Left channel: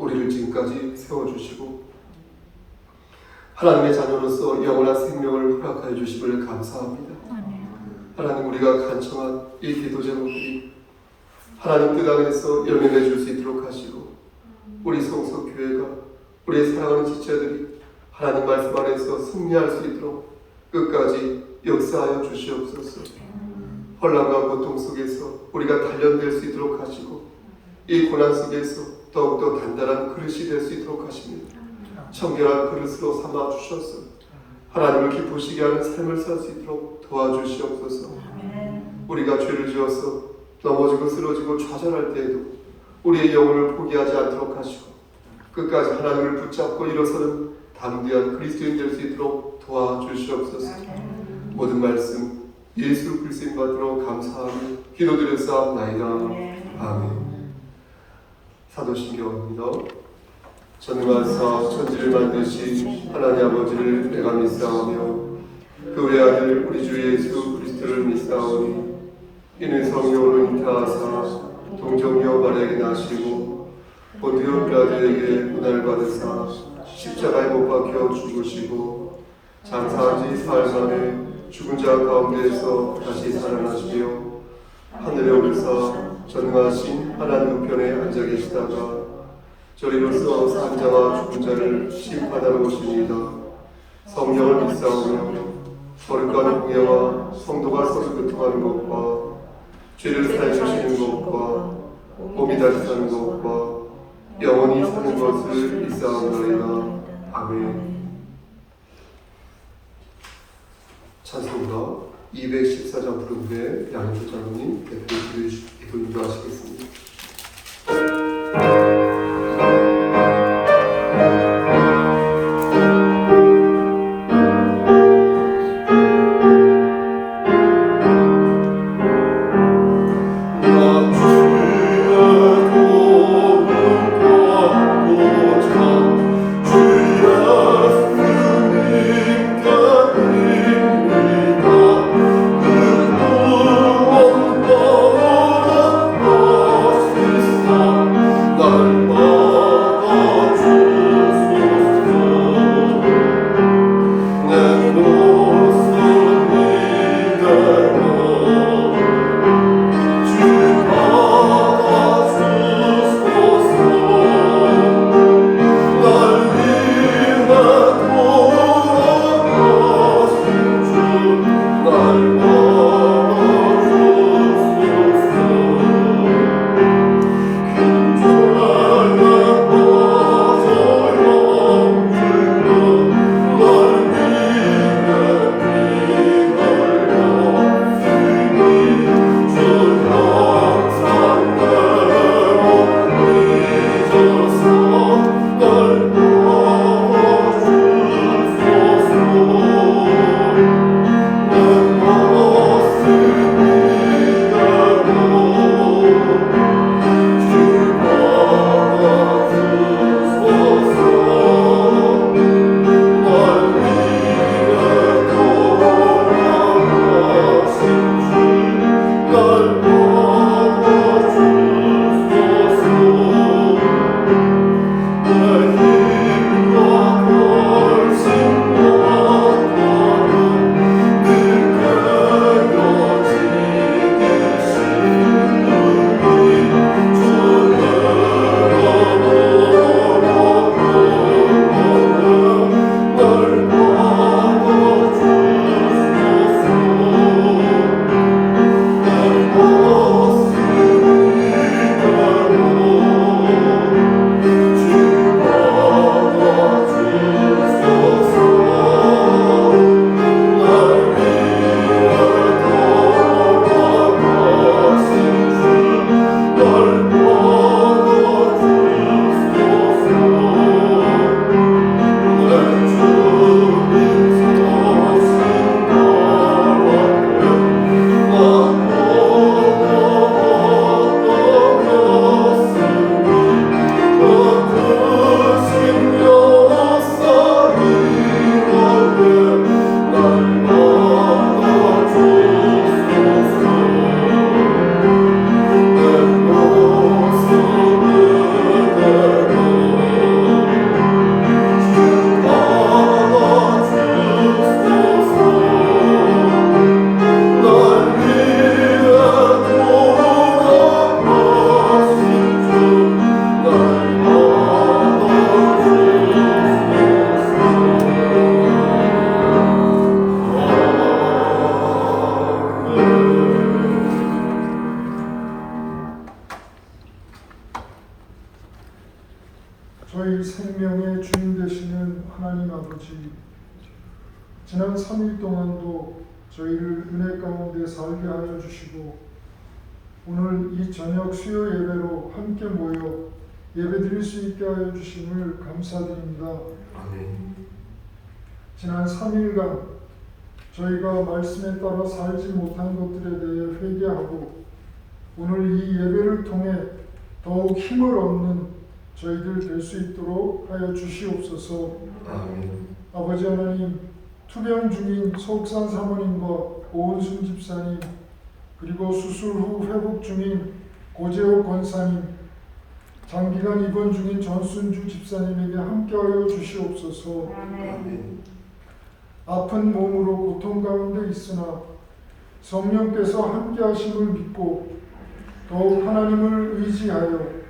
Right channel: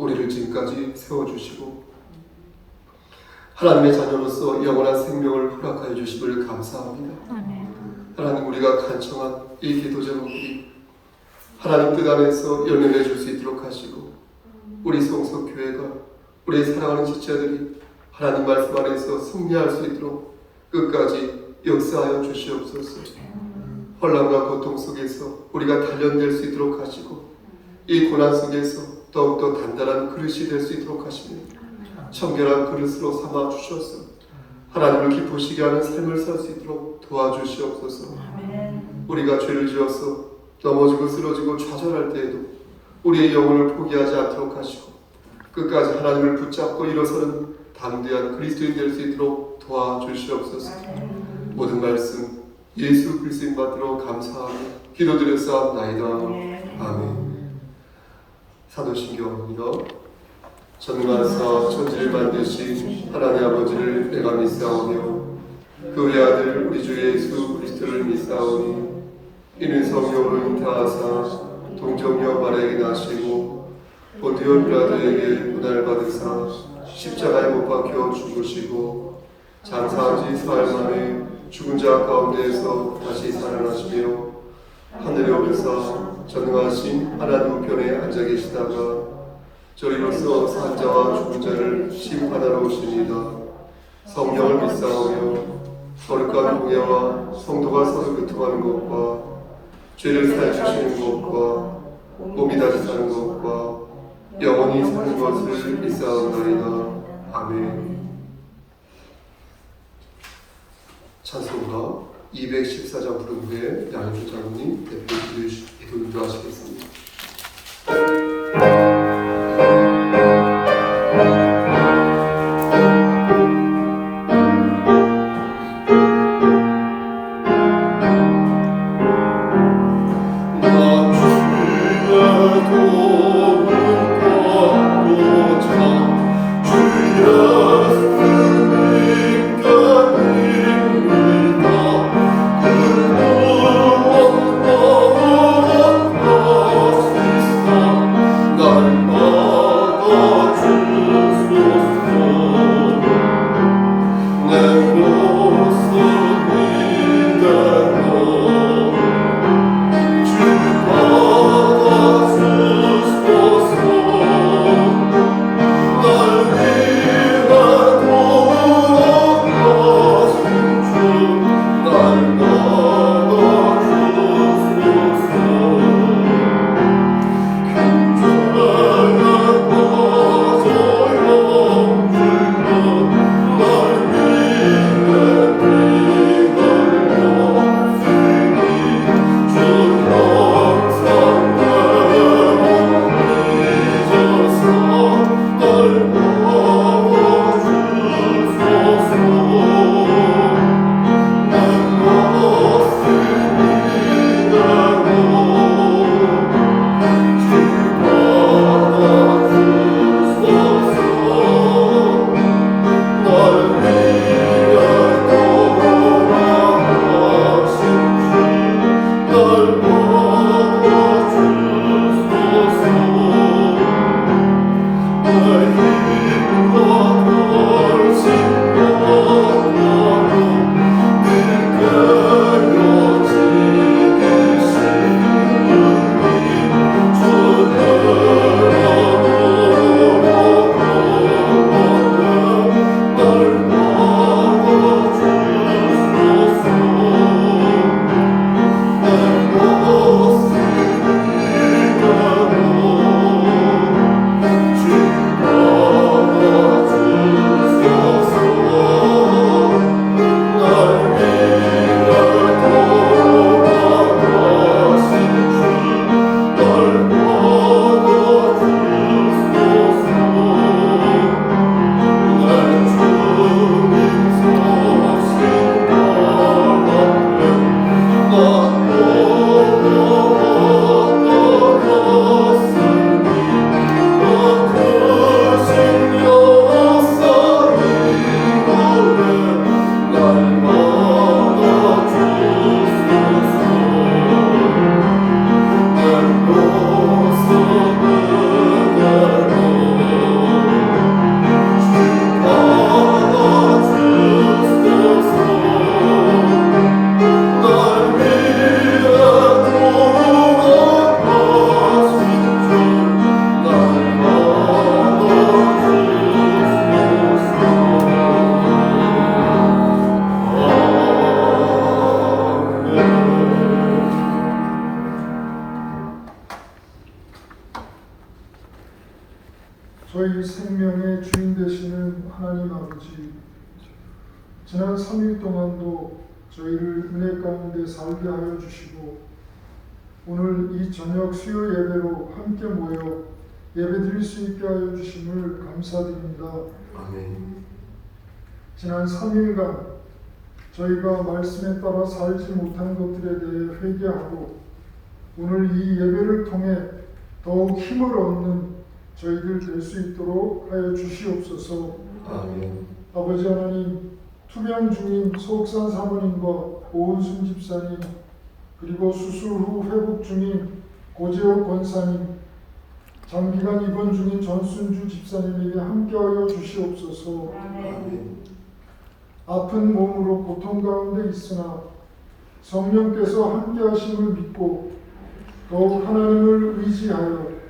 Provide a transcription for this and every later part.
우리를 지금까지 세워주시고 하나님의 자녀로서 영원한 생명을 허락하여 주심을 감사합니다. 하나님, 우리가 간청한 이 기도 제목들이 하나님 뜻 안에서 열매 맺을 수 있도록 하시고 우리 성서교회가 우리의 사랑하는 지체들이 하나님 말씀 안에서 승리할 수 있도록 끝까지 역사하여 주시옵소서. 혼란과 고통 속에서 우리가 단련될 수 있도록 하시고 이 고난 속에서 더욱더 단단한 그릇이 될 수 있도록 하시며 청결한 그릇으로 삼아 주셔서 하나님을 기쁘시게 하는 삶을 살 수 있도록 도와주시옵소서. 우리가 죄를 지어서 넘어지고 쓰러지고 좌절할 때에도 우리의 영혼을 포기하지 않도록 하시고 끝까지 하나님을 붙잡고 일어서는 담대한 그리스도인 될 수 있도록 도와주시옵소서. 모든 말씀 예수 그리스도 받들어 감사하며 기도드렸사옵나이다. 아멘. 사도신경입니다. 전능하사 천지를 만드신 하나님 아버지를 내가 믿사오며 그 외아들 우리 주 예수 그리스도를 믿사오니 이는 성령으로 잉태하사 동정녀 마리아에게 나시고 본디오 빌라도에게 고난을 받으사 십자가에 못 박혀 죽으시고 장사한 지 사흘 만에 죽은 자 가운데에서 다시 살아나시며 하늘에 오르사 전능하신 하나님 우편에 앉아 계시다가 저희로서 산자와 죽은 자를 심판하러 오시니이다. 성령을 믿사오며 거룩한 공예와 성도가 서로 교통하는 것과 죄를 사해주시는 것과 몸이 다시 사는 것과 영원히 사는 것을 믿사옵나이다. 아멘. 찬송가 214장 부른 후에 양조 장로님 대표 기도 인도하시겠습니다. Oh 저희 생명의 주인 되시는 하나님 아버지, 지난 3일 동안도 저희를 은혜 가운데 살게 하여 주시고 오늘 이 저녁 수요 예배로 함께 모여 예배드릴 수 있게 하여 주심을 감사드립니다. 아멘. 지난 3일간 저희가 말씀에 따라 살지 못한 것들에 대해 회개하고 오늘 이 예배를 통해 더욱 힘을 얻는 저희들 될 수 있도록 하여 주시옵소서. 아멘. 아버지 하나님, 투병 중인 서옥산 사모님과 오은순 집사님, 그리고 수술 후 회복 중인 고재혁 권사님, 장기간 입원 중인 전순주 집사님에게 함께하여 주시옵소서. 아멘. 아픈 몸으로 고통 가운데 있으나 성령께서 함께하심을 믿고 더욱 하나님을 의지하여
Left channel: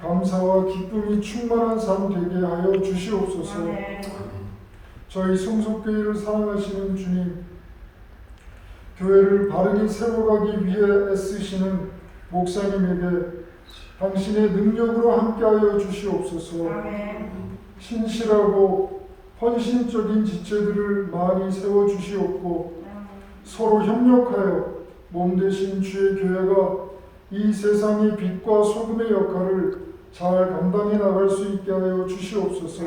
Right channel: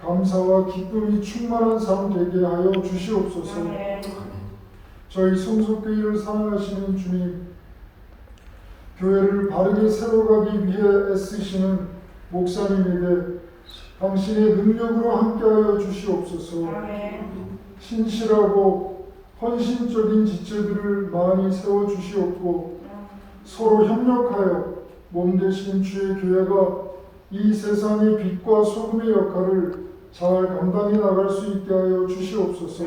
감사와 기쁨이 충만한 삶 되게 하여 주시옵소서. 저희 성속교회를 사랑하시는 주님, 교회를 바르게 세워가기 위해 애쓰시는 목사님에게 당신의 능력으로 함께하여 주시옵소서. 신실하고 헌신적인 지체들을 많이 세워주시옵고 서로 협력하여 몸되신 주의 교회가 이 세상의 빛과 소금의 역할을 잘 감당해 나갈 수 있게 하여 주시옵소서.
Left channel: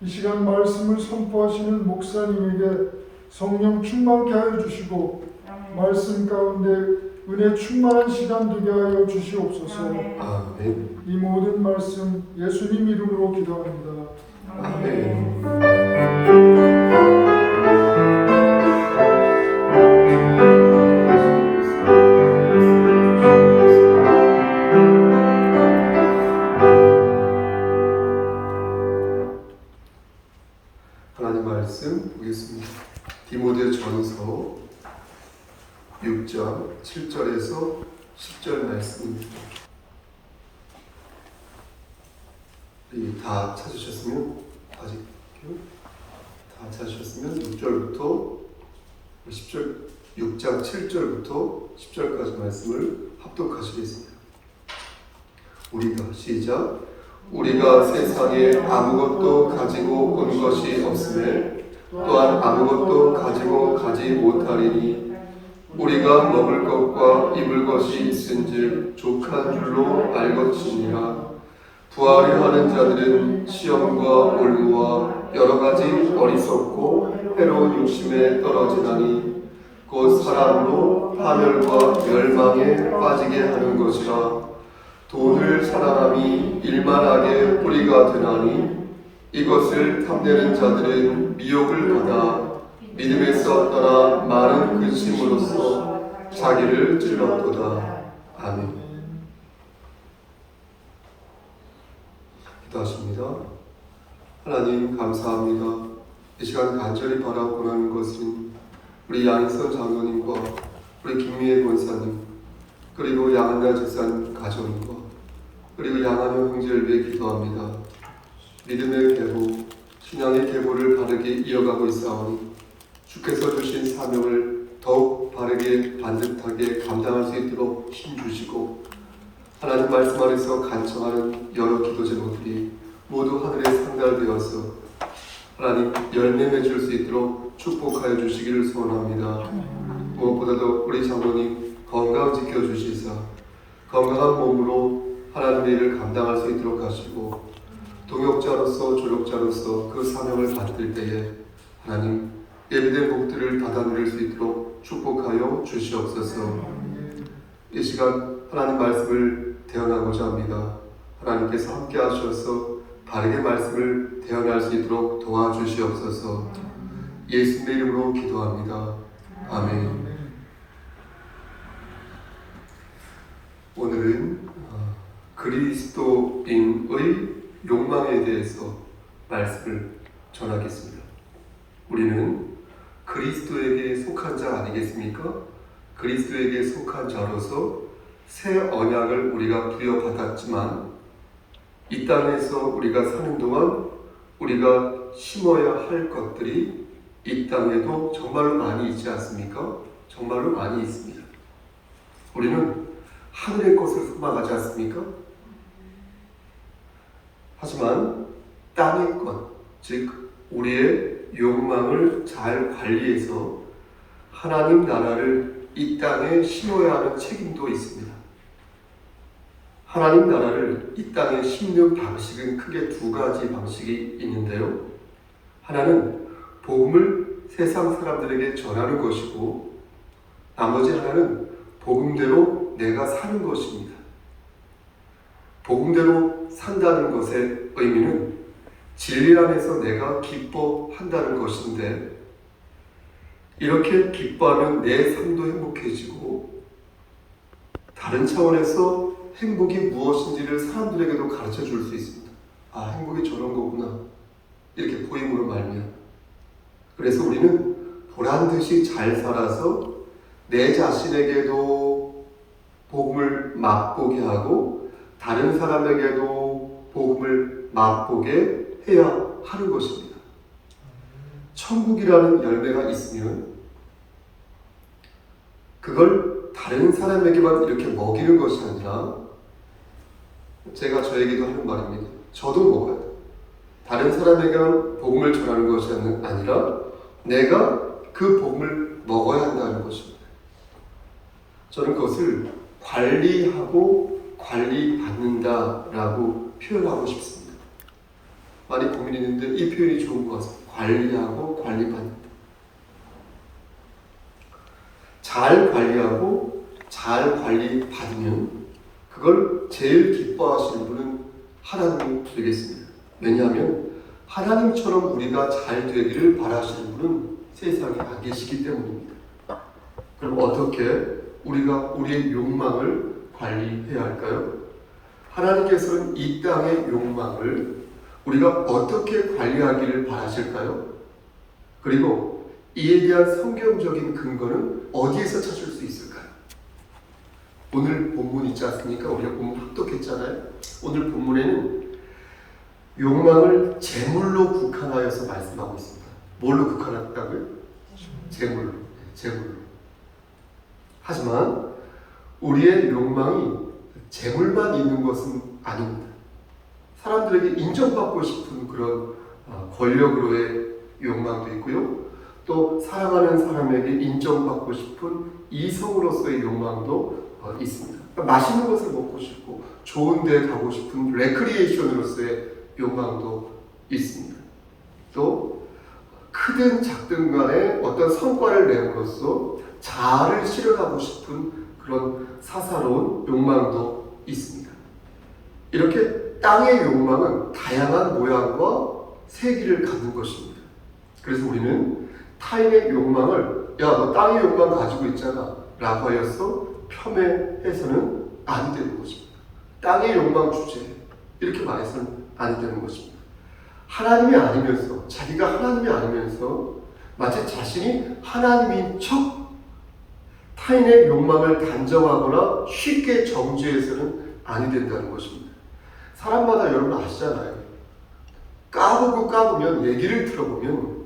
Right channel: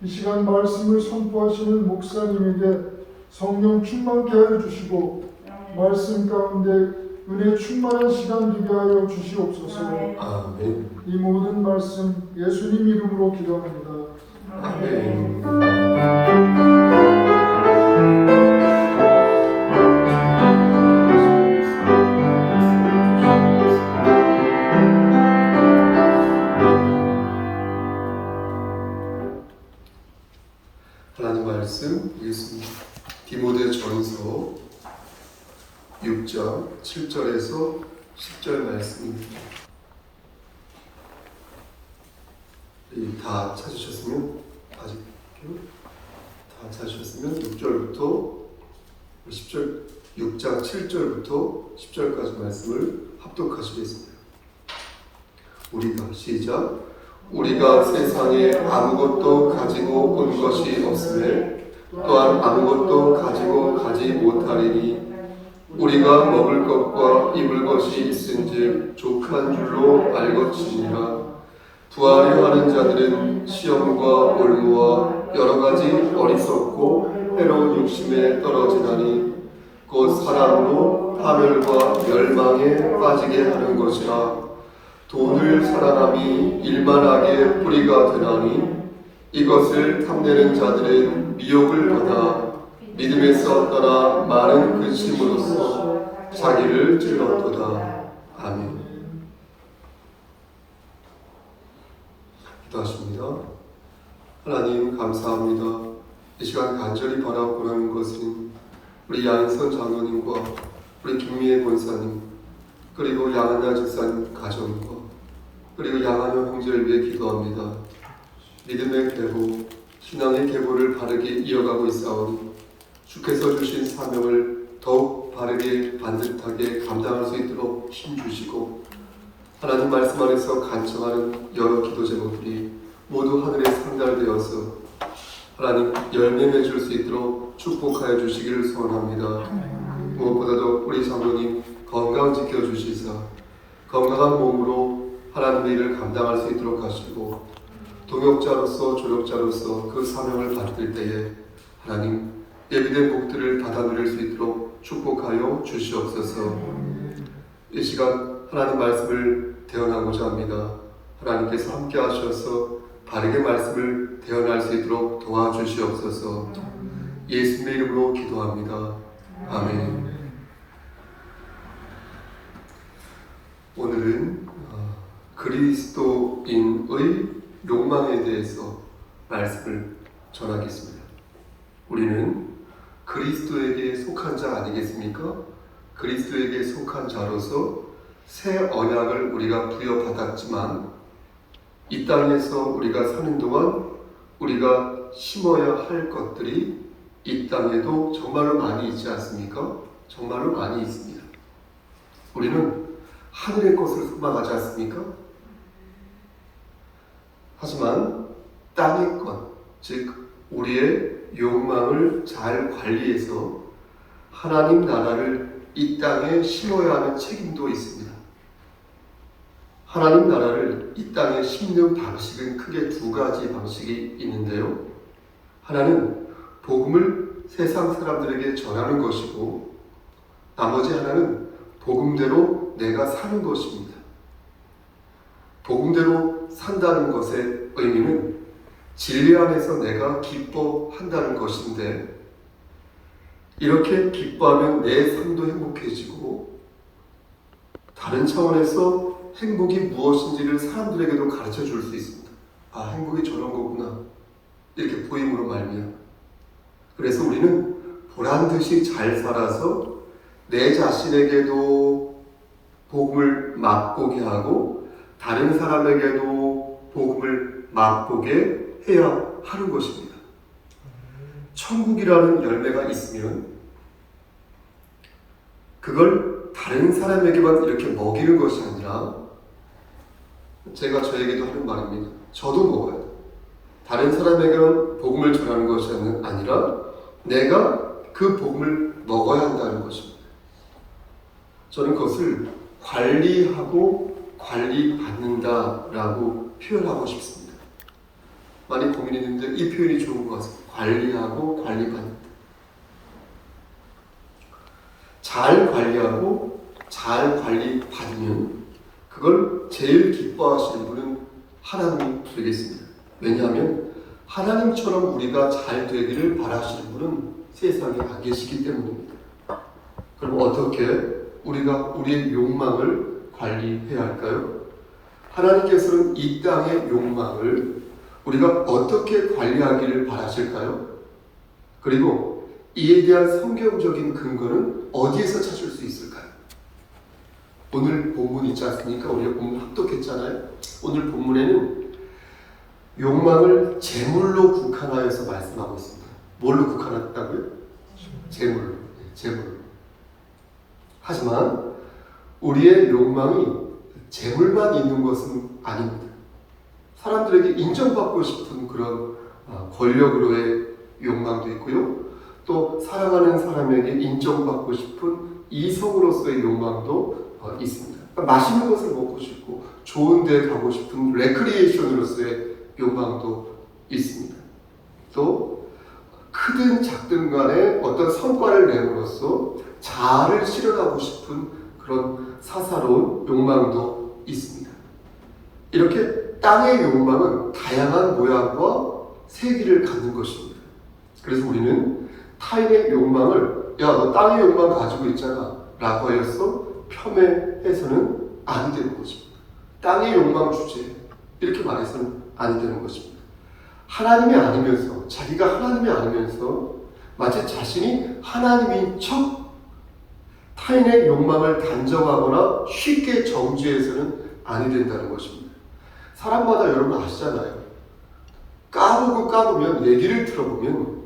이 시간 말씀을 선포하시는 목사님에게 성령 충만케 하여 주시고 말씀 가운데 은혜 충만한 시간 되게 하여 주시옵소서. 아멘. 이 모든 말씀 예수님 이름으로 기도합니다. 아멘. 하나님 말씀 보겠습니다. 디모데전서 6장 7절에서 10절 말씀입니다. 다 찾으셨으면 아직 다 찾으셨으면 6절부터 10절 6장 7절부터 10절까지 말씀을 합독하시겠습니다. 우리가 시작. 우리가 세상에 아무것도 가지고 온 것이 없음에 또한 아무것도 가지고 가지 못하리니 우리가 먹을 것과 입을 것이 있은즉 족한 줄로 알것이니라. 부하려 하는 자들은 시험과 올무와 여러 가지 어리석고 해로운 욕심에 떨어지나니 곧 사람으로 파멸과 멸망에 빠지게 하는 것이라. 돈을 사랑함이 일만하게 뿌리가 되나니 이것을 탐내는 자들은 미혹을 받아 믿음에서 떠나 많은 근심으로써 자기를 찔렀도다. 아멘. 기도하십니다. 하나님 감사합니다. 이 시간 간절히 바라보는 것은 우리 양인선 장로님과 우리 김미애 권사님 그리고 양한나 집사님 가정과 그리고 양한영 형제를 위해 기도합니다. 믿음의 계보, 신앙의 계보를 바르게 이어가고 있사오니 주께서 주신 사명을 더욱 바르게 반듯하게 감당할 수 있도록 힘주시고 하나님 말씀 안에서 간청하는 여러 기도 제목들이 모두 하늘에 상달되어서 하나님 열매 맺을 수 있도록 축복하여 주시기를 소원합니다. 무엇보다도 우리 장로님 건강 지켜주시사 건강한 몸으로 하나님의 일을 감당할 수 있도록 하시고 동역자로서 조력자로서 그 사명을 받을 때에 하나님 예비된 복들을 받아 누릴 수 있도록 축복하여 주시옵소서. 이 시간 하나님 말씀을 대언하고자 합니다. 하나님께서 함께 하셔서 바르게 말씀을 대언할 수 있도록 도와주시옵소서. 예수님의 이름으로 기도합니다. 아멘. 오늘은 그리스도인의 욕망에 대해서 말씀을 전하겠습니다. 우리는 그리스도에게 속한 자 아니겠습니까? 그리스도에게 속한 자로서 새 언약을 우리가 부여받았지만 이 땅에서 우리가 사는 동안 우리가 심어야 할 것들이 이 땅에도 정말로 많이 있지 않습니까? 정말로 많이 있습니다. 우리는 하늘의 것을 소망하지 않습니까? 하지만 땅의 것, 즉 우리의 욕망을 잘 관리해서 하나님 나라를 이 땅에 심어야 하는 책임도 있습니다. 하나님 나라를 이 땅에 심는 방식은 크게 두 가지 방식이 있는데요. 하나는 복음을 세상 사람들에게 전하는 것이고, 나머지 하나는 복음대로 내가 사는 것입니다. 복음대로 산다는 것의 의미는 진리 안에서 내가 기뻐한다는 것인데, 이렇게 기뻐하면 내 삶도 행복해지고 다른 차원에서 행복이 무엇인지를 사람들에게도 가르쳐 줄 수 있습니다. 아, 행복이 저런 거구나, 이렇게 보임으로 말미암아. 그래서 우리는 보란듯이 잘 살아서 내 자신에게도 복음을 맛보게 하고 다른 사람에게도 복음을 맛보게 해야 하는 것입니다. 천국이라는 열매가 있으면 그걸 다른 사람에게만 이렇게 먹이는 것이 아니라, 제가 저에게도 하는 말입니다. 저도 먹어야 돼요. 다른 사람에게만 복음을 전하는 것이 아니라 내가 그 복음을 먹어야 한다는 것입니다. 저는 그것을 관리하고 관리받는다라고 표현하고 싶습니다. 많이 고민했는데 이 표현이 좋은 것 같습니다. 관리하고 관리받는다. 잘 관리하고 잘 관리받으면 그걸 제일 기뻐하시는 분은 하나님 되겠습니다. 왜냐하면 하나님처럼 우리가 잘 되기를 바라시는 분은 세상에 안 계시기 때문입니다. 그럼 어떻게 우리가 우리의 욕망을 관리해야 할까요? 하나님께서는 이 땅의 욕망을 우리가 어떻게 관리하기를 바라실까요? 그리고 이에 대한 성경적인 근거는 어디에서 찾을 수 있을까요? 오늘 본문 있지 않습니까? 우리가 본문 합독했잖아요. 오늘 본문에는 욕망을 재물로 국한하여서 말씀하고 있습니다. 뭘로 국한했다고요? 재물로. 하지만 우리의 욕망이 재물만 있는 것은 아닙니다. 사람들에게 인정받고 싶은 그런 권력으로의 욕망도 있고요. 또 사랑하는 사람에게 인정받고 싶은 이성으로서의 욕망도 있습니다. 그러니까 맛있는 것을 먹고 싶고 좋은 데 가고 싶은 레크리에이션으로서의 욕망도 있습니다. 또 크든 작든 간에 어떤 성과를 내므로써 자아를 실현하고 싶은 그런 사사로운 욕망도 있습니다. 이렇게 땅의 욕망은 다양한 모양과 세기를 갖는 것입니다. 그래서 우리는 타인의 욕망을 야, 너 땅의 욕망 가지고 있잖아 라고 하여서 폄훼해서는 안 되는 것입니다. 땅의 욕망 주제 이렇게 말해서는 안 되는 것입니다. 하나님이 아니면서, 자기가 하나님이 아니면서 마치 자신이 하나님인 척 타인의 욕망을 단정하거나 쉽게 정죄해서는 아니 된다는 것입니다. 사람마다 여러분 아시잖아요. 까보면 얘기를 들어보면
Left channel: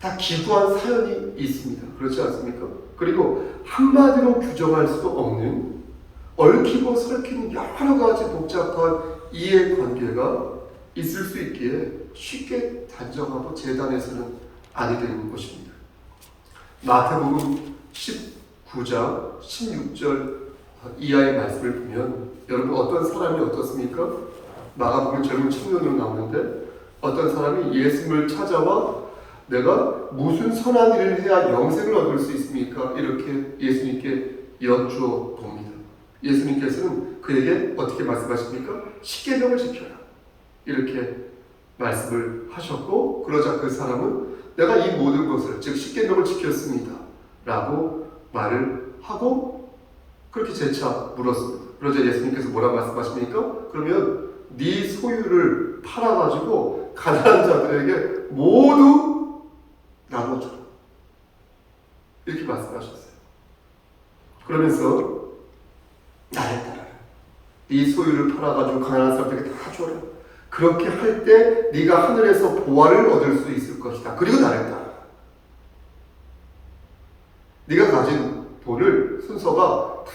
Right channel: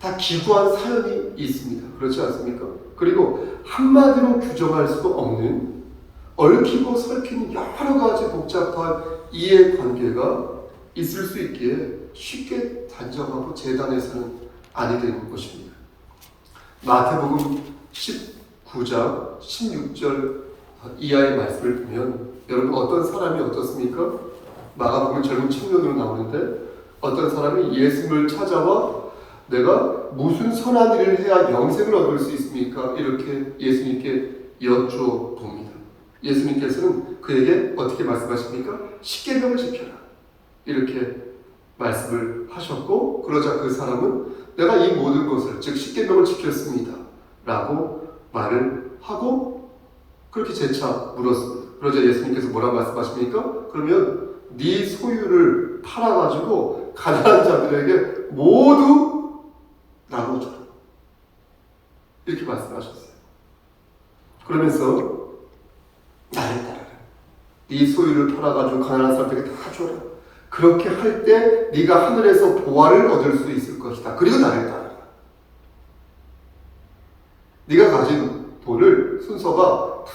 다 기구한 사연이 있습니다. 그렇지 않습니까? 그리고 한마디로 규정할 수 없는 얽히고 설키는 여러 가지 복잡한 이해관계가 있을 수 있기에 쉽게 단정하고 재단해서는 아니 되는 것입니다. 마태복음 19장 16절 이하의 말씀을 보면 여러분 어떤 사람이 어떻습니까? 마가복음 젊은 청년으로 나오는데 어떤 사람이 예수님을 찾아와 내가 무슨 선한 일을 해야 영생을 얻을 수 있습니까? 이렇게 예수님께 여쭈어봅니다. 예수님께서는 그에게 어떻게 말씀하십니까? 십계명을 지켜라 이렇게 말씀을 하셨고, 그러자 그 사람은 내가 이 모든 것을 즉 십계명을 지켰습니다 라고 말을 하고 그렇게 재차 물었습니다. 그러자 예수님께서 뭐라 말씀하십니까? 그러면 네 소유를 팔아가지고 가난한 자들에게 모두 나눠줘라 이렇게 말씀하셨어요. 그러면서 나를 따라라. 네 소유를 팔아가지고 가난한 사람들에게 다 줘라. 그렇게 할 때 네가 하늘에서 보화를 얻을 수 있을 것이다. 그리고 나를 따라라. 네가 가진 돈을 순서가 다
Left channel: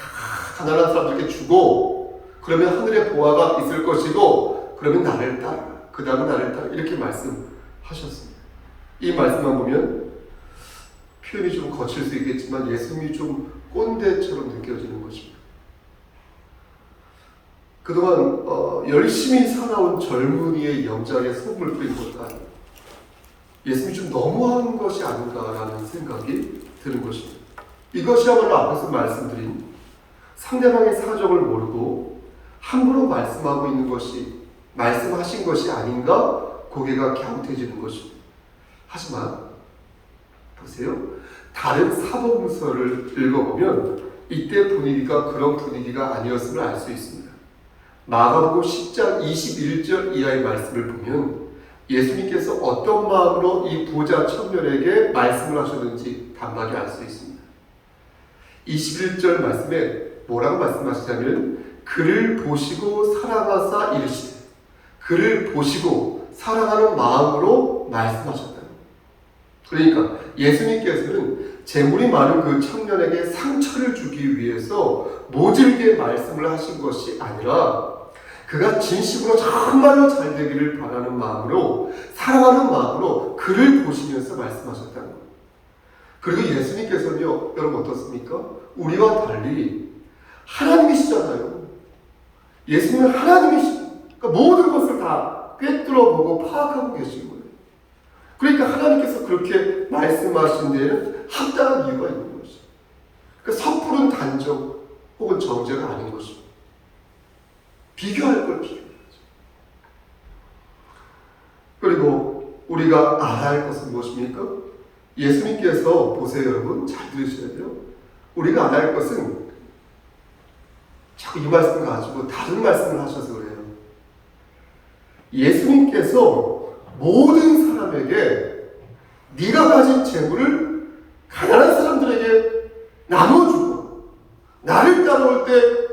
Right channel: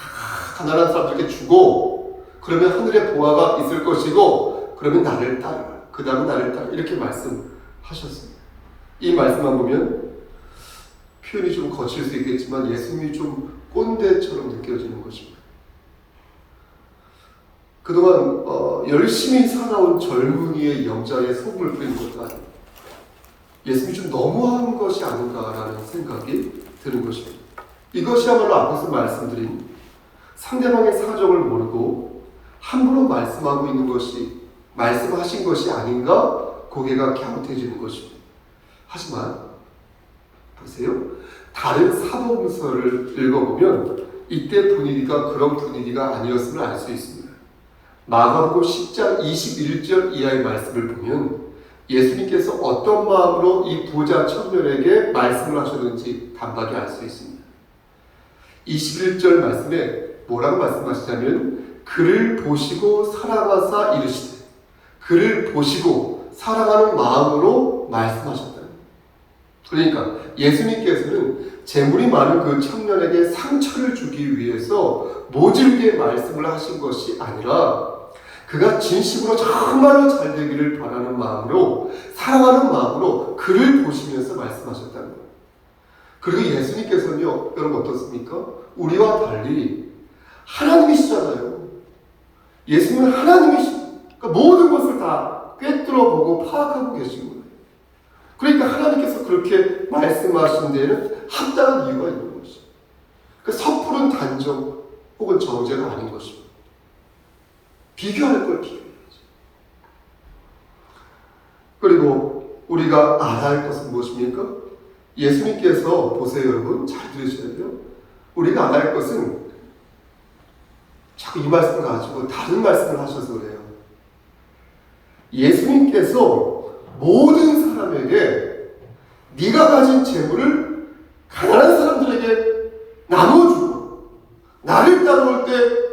가난한 사람들에게 주고 그러면 하늘에 보화가 있을 것이고 그러면 나를 따르라. 그 다음에 나를 따르라. 이렇게 말씀하셨습니다. 이 말씀만 보면 표현이 좀 거칠 수 있겠지만 예수님이 좀 꼰대처럼 느껴지는 것입니다. 그동안 열심히 살아온 젊은이의 염장에 소금을 뿌린 것도 아니고 예수님이 좀 너무한 것이 아닌가라는 생각이 드는 것입니다. 이것이야말로 앞에서 말씀드린 상대방의 사정을 모르고 함부로 말씀하고 있는 것이 말씀하신 것이 아닌가 고개가 갸웃해지는 것입니다. 하지만 보세요. 다른 사도행서를 읽어보면 이때 분위기가 그런 분위기가 아니었음을 알 수 있습니다. 마가복음 10장 21절 이하의 말씀을 보면 예수님께서 어떤 마음으로 이 부자 청년에게 말씀을 하셨는지 단박에 알 수 있습니다. 21절 말씀에 뭐라고 말씀하시자면 그를 보시고 사랑하사 이르시되 그를 보시고 사랑하는 마음으로 말씀하셨다. 그러니까 예수님께서는 재물이 많은 그 청년에게 상처를 주기 위해서 모질게 말씀을 하신 것이 아니라 그가 진심으로 정말로 잘 되기를 바라는 마음으로 사랑하는 마음으로 그를 보시면서 말씀하셨다는 겁니다. 그리고 예수님께서는요, 여러분 어떻습니까? 우리와 달리 하나님이시잖아요. 예수님은 하나님이시죠. 그러니까 모든 것을 다 꿰뚫어보고 파악하고 계신 거예요. 그러니까 하나님께서 그렇게 말씀하신 데에는 합당한 이유가 있는 것이죠. 그러니까 섣부른 단정 혹은 정죄가 아닌 것입니다. 비교할 걸 비교해야죠. 그리고 우리가 알아야 할 것은 무엇입니까? 예수님께서 보세요 여러분 잘 들으셔야 돼요. 우리가 알아야 할 것은 자꾸 이 말씀을 가지고 다른 말씀을 하셔서 그래요. 예수님께서 모든 사람에게 네가 가진 재물을 가난한 사람들에게 나눠주고 나를 따라올 때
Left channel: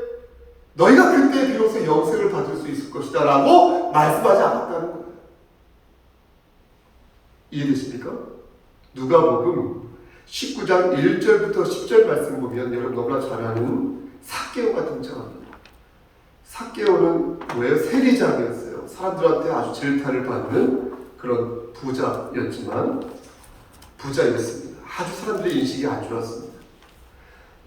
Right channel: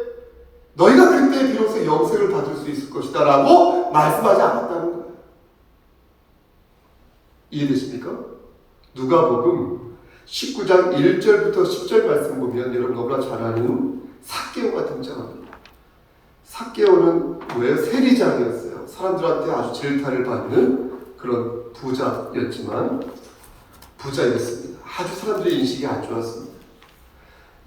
너희가 그때 비로소 영생을 받을 수 있을 것이다 라고 말씀하지 않았다는 거예요. 이해되십니까? 누가복음 19장 1절부터 10절 말씀 보면 여러분 너무나 잘 아는 삭개오가 등장합니다. 삭개오는 뭐예요? 세리장이었어요. 사람들한테 아주 질타를 받는 그런 부자였지만 부자였습니다. 아주 사람들의 인식이 안 좋았습니다.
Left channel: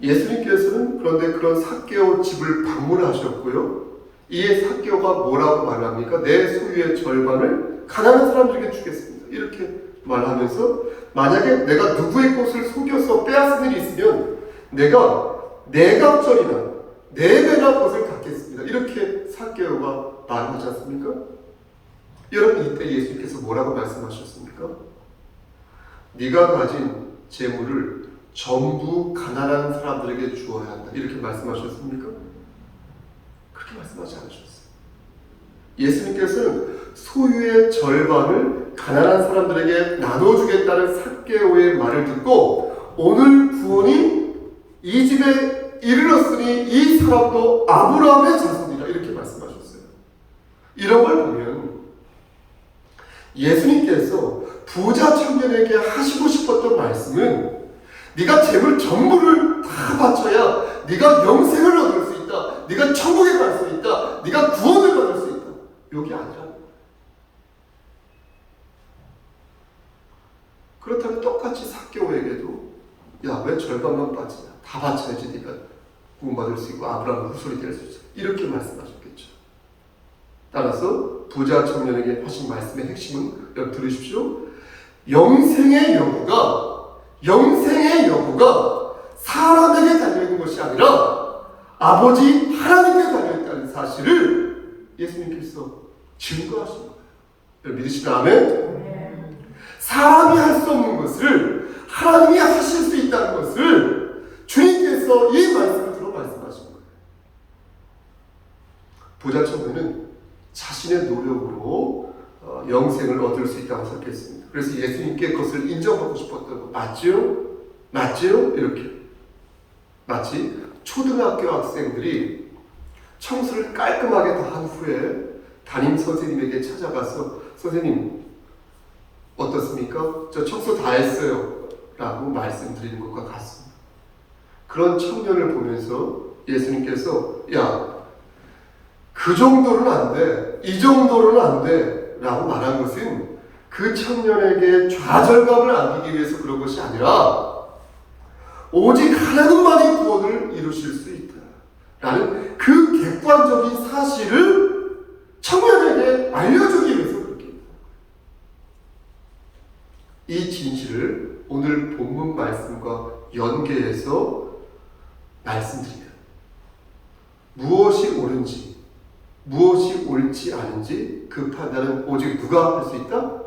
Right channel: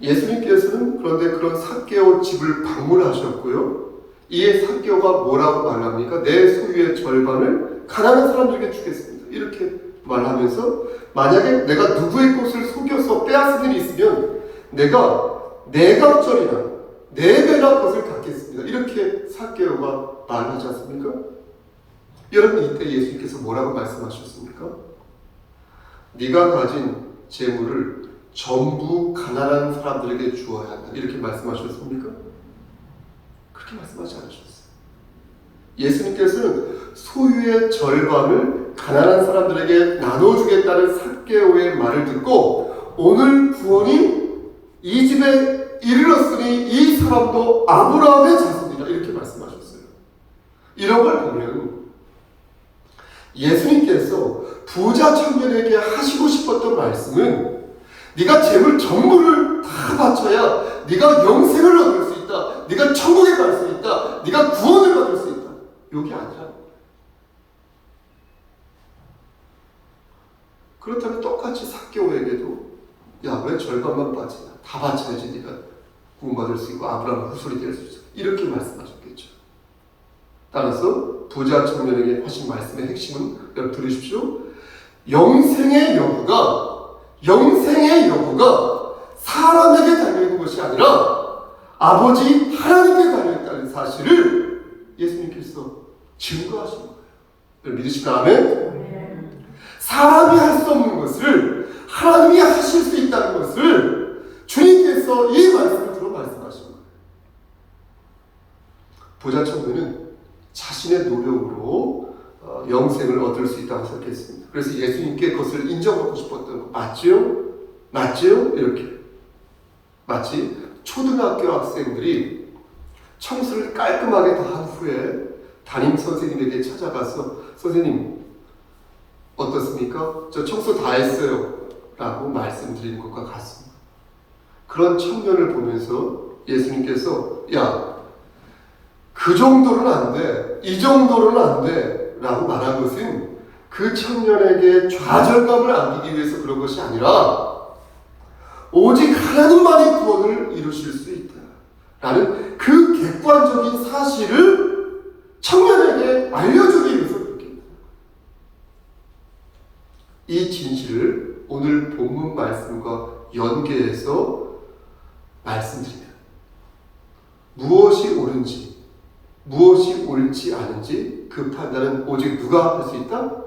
예수님께서는 그런데 그런 삭개오 집을 방문하셨고요. 이에 삭개오가 뭐라고 말합니까? 내 소유의 절반을 가난한 사람들에게 주겠습니다. 이렇게 말하면서 만약에 내가 누구의 것을 속여서 빼앗은 일이 있으면 내가 내갑절이나 4배나 것을 갖겠습니다. 이렇게 삭개오가 말하지 않습니까? 여러분 이때 예수님께서 뭐라고 말씀하셨습니까? 네가 가진 재물을 전부 가난한 사람들에게 주어야 한다. 이렇게 말씀하셨습니까? 그렇게 말씀하지 않으셨어요. 예수님께서는 소유의 절반을 가난한 사람들에게 나눠주겠다는 삭개오의 말을 듣고 오늘 구원이 이 집에 이르렀으니 이 사람도 아브라함의 자손이다. 이렇게 말씀하셨어요. 이런 걸 보면 예수님께서 부자 청년에게 하시고 싶었던 말씀은 네가 재물 전부를 다 바쳐야 네가 영생을 얻을 수 있다. 네가 천국에 갈 수 있다. 네가 구원을 받을 수 있다. 이게 아니라 그렇다면 똑같이 삭개오에게도 야, 왜 절반만 바치냐? 다 바쳐야지 네가 구원받을 수 있고 아브라함 후손이 될 수 있어. 이렇게 말씀하셨겠죠. 따라서 부자 청년에게 하신 말씀의 핵심은 여러분 들으십시오. 영생의 여부가 사람에게 달려있는 것이 아니라 아버지 하나님께 달려있다는 사실을 예수님께서 증거하신 거예요. 여러분 믿으시면 아멘? 사람이 할 수 없는 것을 하나님이 하실 수 있다는 것을 주님께서 이 말씀을 들어 말씀하신 거예요. 부자 청년은 자신의 노력으로 영생을 얻을 수 있다고 생각했습니다. 그래서 예수님께 그것을 인정받고 싶었던 거 맞지요? 맞지요? 이렇게 마치 초등학교 학생들이 청소를 깔끔하게 다 한 후에 담임 선생님에게 찾아가서 선생님 어떻습니까? 저 청소 다 했어요 라고 말씀드리는 것과 같습니다. 그런 청년을 보면서 예수님께서 야, 그 정도는 안 돼. 이 정도로는 안 돼 라고 말한 것은 그 청년에게 좌절감을 안기기 위해서 그런 것이 아니라 오직 하나님만이 구원을 이루실 수 있다 라는 그 객관적인 사실을 청년에게 알려주기 위해서 그렇게 합니다. 이 진실을 오늘 본문 말씀과 연계해서 말씀드려요. 무엇이 옳은지, 무엇이 옳지 않은지 그 판단은 오직 누가 할 수 있다?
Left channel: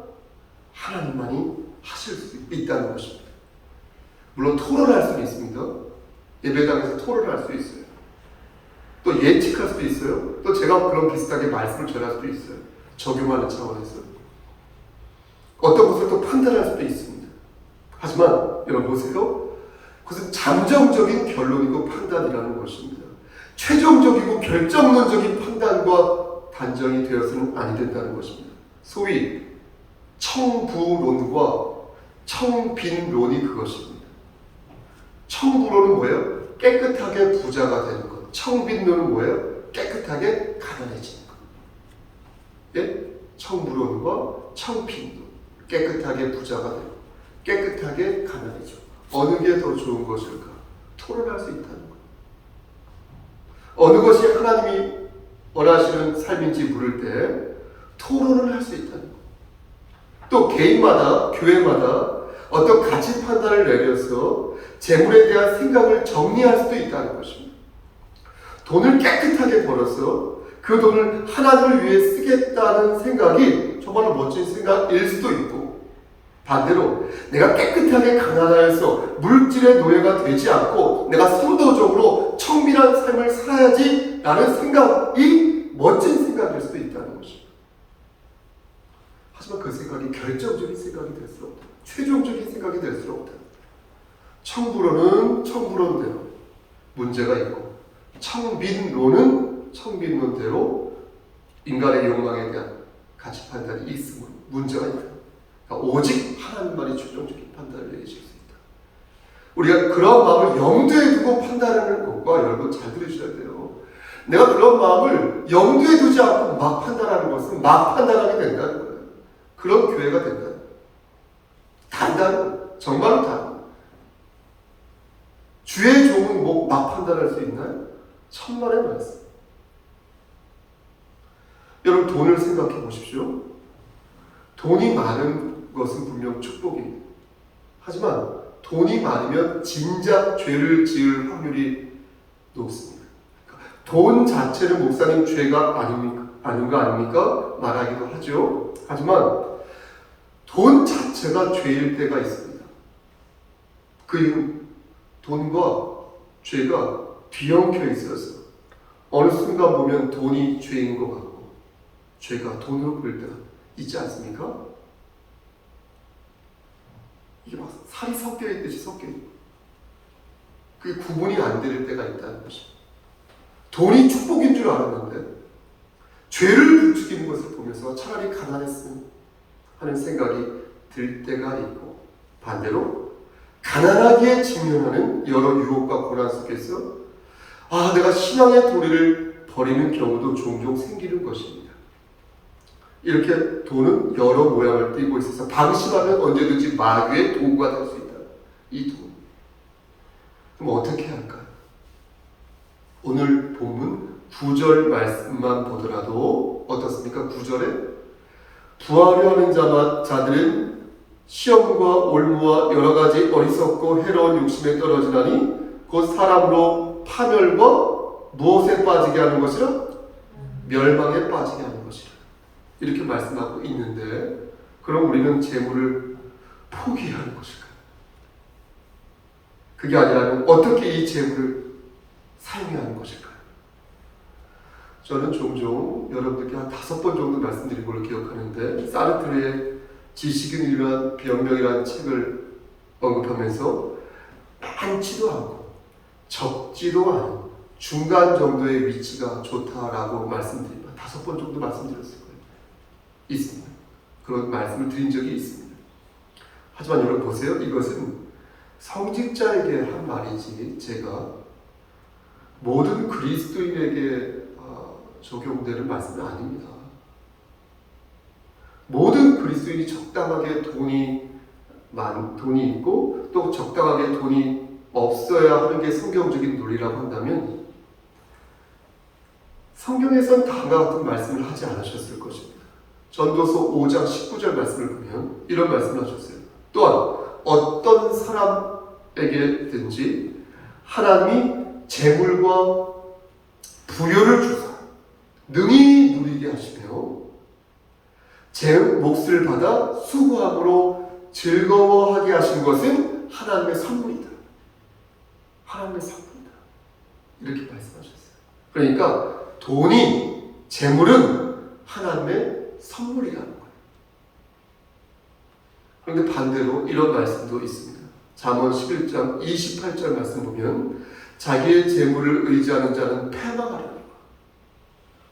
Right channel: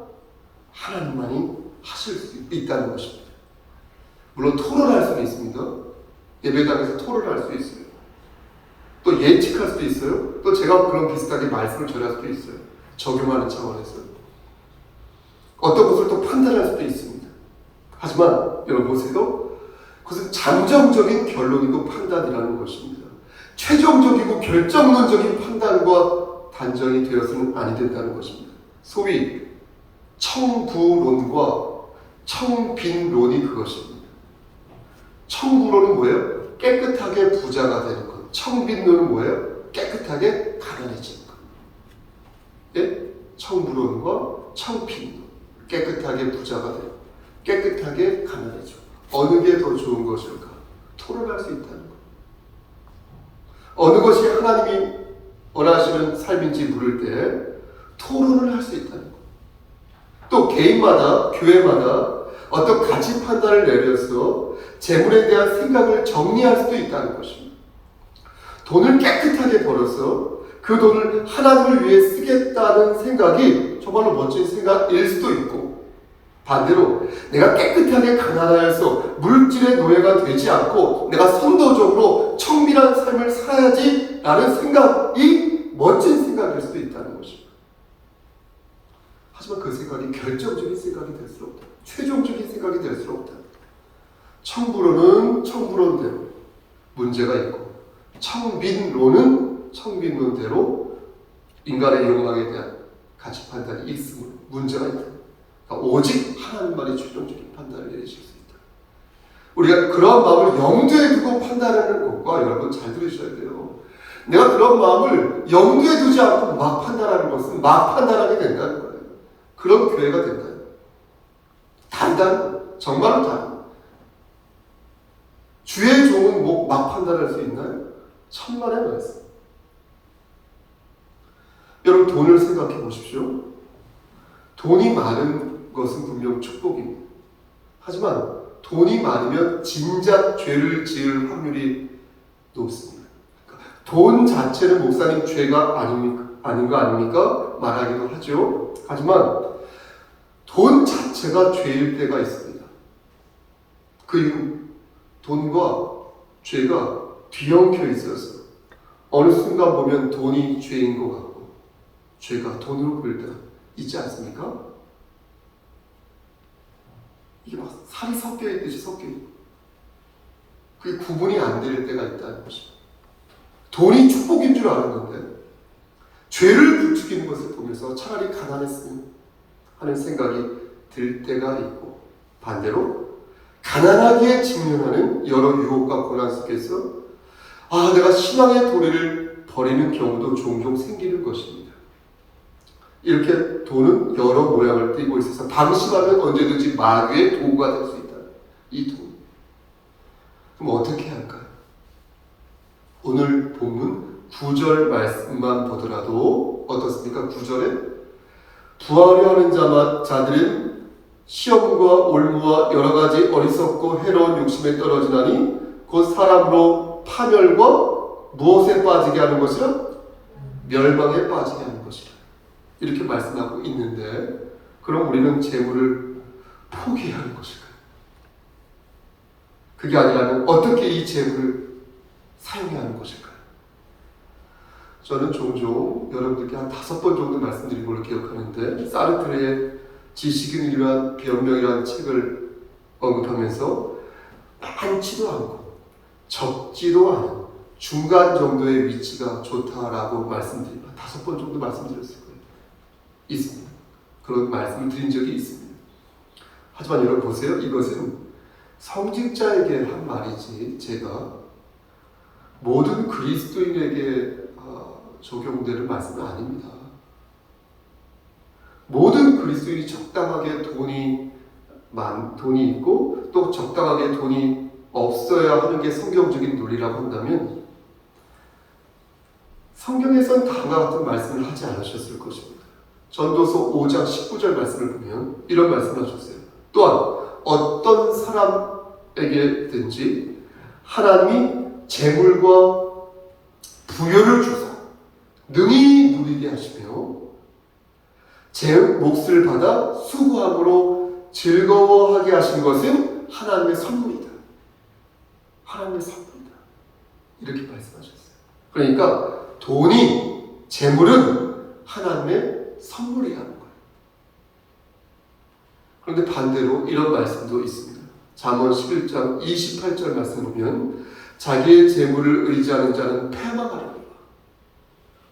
하나님만이 하실 수 있다는 것입니다. 물론 토론할 수는 있습니다. 예배당에서 토론할 수 있어요. 또 예측할 수도 있어요. 또 제가 그런 비슷하게 말씀을 전할 수도 있어요. 적용하는 차원에서. 어떤 것을 또 판단할 수도 있습니다. 하지만 여러분 보세요. 그것은 잠정적인 결론이고 판단이라는 것입니다. 최종적이고 결정론적인 판단과 단정이 되어서는 아니 된다는 것입니다. 소위 청부론과 청빈론이 그것입니다. 청부론은 뭐예요? 깨끗하게 부자가 되는 것. 청빈론은 뭐예요? 깨끗하게 가난해지는 것. 예? 청부론과 청빈론. 깨끗하게 부자가 되고 깨끗하게 가난해지고 어느 게 더 좋은 것일까? 토론할 수 있다는 것. 어느 것이 하나님이 원하시는 삶인지 물을 때 토론을 할 수 있다는 것. 또 개인마다, 교회마다 어떤 가치 판단을 내려서 재물에 대한 생각을 정리할 수도 있다는 것입니다. 돈을 깨끗하게 벌어서 그 돈을 하나님을 위해 쓰겠다는 생각이 정말로 멋진 생각일 수도 있고, 반대로 내가 깨끗하게 가난하여서 물질의 노예가 되지 않고 내가 선도적으로 청밀한 삶을 살아야지 라는 생각이 멋진 생각일 수도 있다는 것입니다. 하지만 그 생각이 결정적인 생각이 될 수 없다. 최종적인 생각이 될 수 없다. 청부론은 청부론대로 문제가 있고 청빈론은 청빈론대로 인간의 욕망에 대한 가치 판단이 있으면 문제가 있다. 그러니까 오직 하나님만이 최종적인 판단을 내리실 수 있다. 우리가 그런 마음을 염두에 두고 판단하는 것과 여러분 잘 들으셔야 돼요. 내가 그런 마음을 염두에 두지 않고 막 판단하는 것은 막 판단하게 된다는 거예요. 그런 교회가 된다. 단다는 정말로 단. 주의 종은 뭐 막 판단할 수 있나요? 천만의 말씀. 여러분 돈을 생각해 보십시오. 돈이 많은 것은 분명 축복입니다. 하지만 돈이 많으면 진작 죄를 지을 확률이 높습니다. 돈 자체는 목사님 죄가 아닌 거 아닙니까? 말하기도 하죠. 하지만 돈 자체가 죄일 때가 있습니다. 그 이유 돈과 죄가 뒤엉켜 있어서 어느 순간 보면 돈이 죄인 것 같고 죄가 돈으로 보일 때가 있지 않습니까? 이게 막 살이 섞여 있듯이 섞여 있고 그게 구분이 안 될 때가 있다는 것입니다. 돈이 축복인 줄 알았는데 죄를 부추기는 것을 보면서 차라리 가난했으면 하는 생각이 들 때가 있고, 반대로 가난하기에 직면하는 여러 유혹과 고난 속에서 내가 신앙의 도리를 버리는 경우도 종종 생기는 것입니다. 이렇게 돈은 여러 모양을 띠고 있어서 방심하면 언제든지 마귀의 도구가 될 수 있다. 이 돈. 그럼 어떻게 해야 할까요? 오늘 본문 9절 말씀만 보더라도 어떻습니까? 9절에 부하려 하는 자들은 시험과 올무와 여러 가지 어리석고 해로운 욕심에 떨어지나니 곧 사람으로 파멸과 무엇에 빠지게 하는 것이라? 멸망에 빠지게 하는 것이라. 이렇게 말씀하고 있는데 그럼 우리는 재물을 포기하는 것일까요? 그게 아니라면 어떻게 이 재물을 사용해야 하는 것일까요? 저는 종종 여러분들께 한 5번 정도 말씀드린 걸로 기억하는데 사르트르의 지식인 이란 변명이라는 책을 언급하면서 많지도 않고 적지도 않은 중간 정도의 위치가 좋다라고 말씀드립니다. 5번 정도 말씀드렸을 거예요. 있습니다. 그런 말씀을 드린 적이 있습니다. 하지만 여러분 보세요. 이것은 성직자에게 한 말이지 제가 모든 그리스도인에게 적용되는 말씀은 아닙니다. 모든 그리스도인이 적당하게 돈이 있고 또 적당하게 돈이 없어야 하는 게 성경적인 논리라고 한다면 성경에서는 다음과 같은 말씀을 하지 않으셨을 것입니다. 전도서 5장 19절 말씀을 보면 이런 말씀을 하셨어요. 또한 어떤 사람에게든지 하나님이 재물과 부요를 주사 능히 누리게 하시며 제 몫을 받아 수고함으로 즐거워하게 하신 것은 하나님의 선물이다. 하나님의 선물이다. 이렇게 말씀하셨어요. 그러니까 돈이, 재물은 하나님의 선물이라는 거예요. 그런데 반대로 이런 말씀도 있습니다. 잠언 11장 28절 말씀 보면 자기의 재물을 의지하는 자는 패망하리라.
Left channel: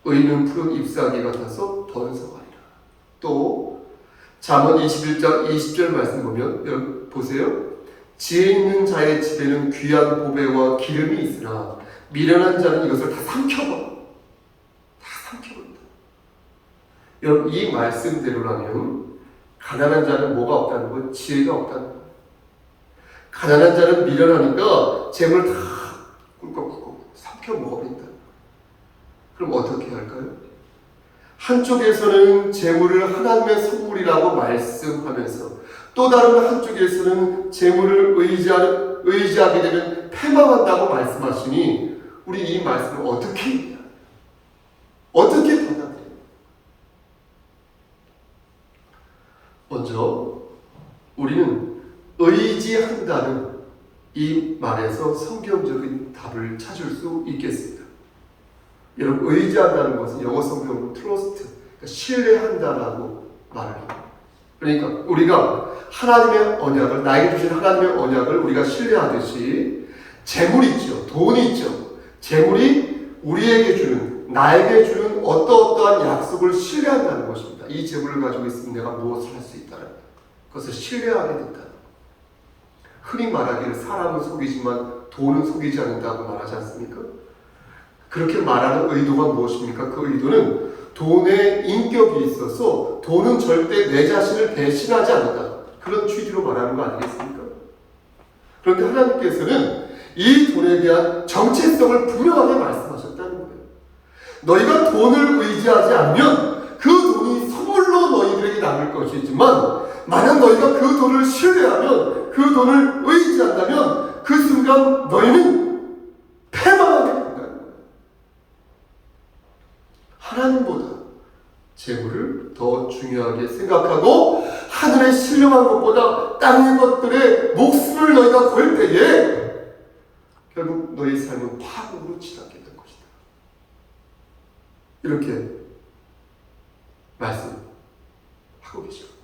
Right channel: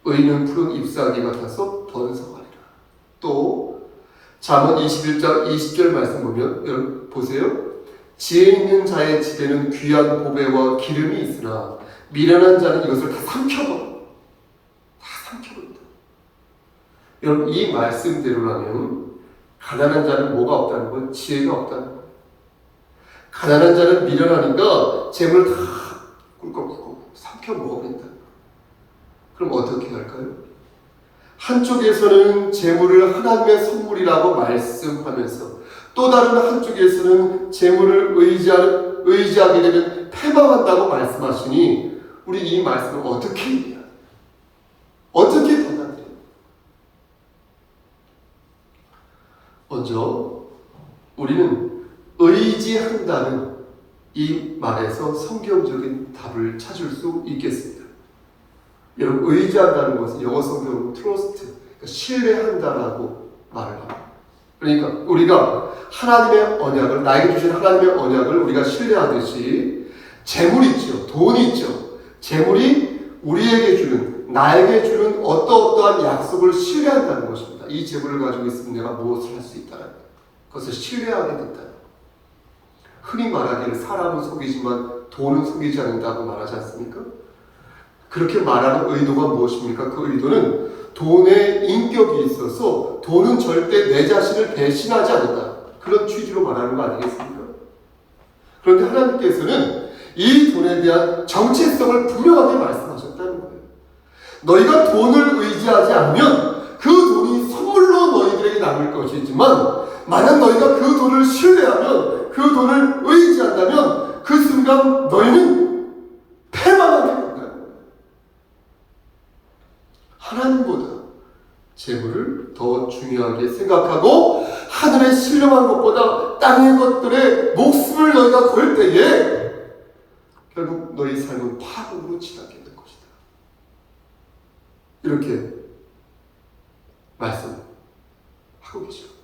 의인은 푸른 잎사귀 같아서 번성하리라. 또 잠언 21장 20절 말씀 보면 보세요. 지혜 있는 자의 집에는 귀한 보배와 기름이 있으나 미련한 자는 이것을 다 삼켜버린다. 여러분 이 말씀대로라면 가난한 자는 뭐가 없다는 거예요? 지혜가 없다는 거예요. 가난한 자는 미련하니까 재물 다 꿀꺽꿀꺽 삼켜 먹어버린다. 그럼 어떻게 할까요? 한쪽에서는 재물을 하나님의 선물이라고 말씀하면서 또 다른 한쪽에서는 재물을 의지하게 되면 패망한다고 말씀하시니 우리 이 말씀을 어떻게 받아들여요? 먼저 우리는 의지한다는 이 말에서 성경적인 답을 찾을 수 있겠습니다. 여러분 의지한다는 것은 영어 성경으로 trust, 그러니까 신뢰한다라고 말합니다. 그러니까 우리가 하나님의 언약을 나에게 주신 하나님의 언약을 우리가 신뢰하듯이 재물 있죠, 돈 있죠. 재물이 우리에게 주는 나에게 주는 어떠한 약속을 신뢰한다는 것입니다. 이 재물을 가지고 있으면 내가 무엇을 할 수 있다는 그것을 신뢰하게 된다는 흔히 말하기를 사람은 속이지만 돈은 속이지 않는다고 말하지 않습니까? 그렇게 말하는 의도가 무엇입니까? 그 의도는 돈에 인격이 있어서 돈은 절대 내 자신을 배신하지 않는다. 그런 취지로 말하는 거 아니겠습니까? 그런데 하나님께서는 이 돈에 대한 정체성을 분명하게 말씀하셨다는 거예요. 너희가 돈을 의지하지 않으면 그 돈이 선물로 너희들에게 남을 것이지만 만약 너희가 그 돈을 신뢰하면 그 돈을 의지한다면 그 순간 너희는 패망하게 된다는 거예요. 하나님보다 재물을 더 중요하게 생각하고 하늘에 신령한 것보다 땅의 것들에 목숨을 너희가 걸 때에 결국 너희 삶은 파국으로 치닫게 될 것이다. 이렇게 말씀하고 계십니다.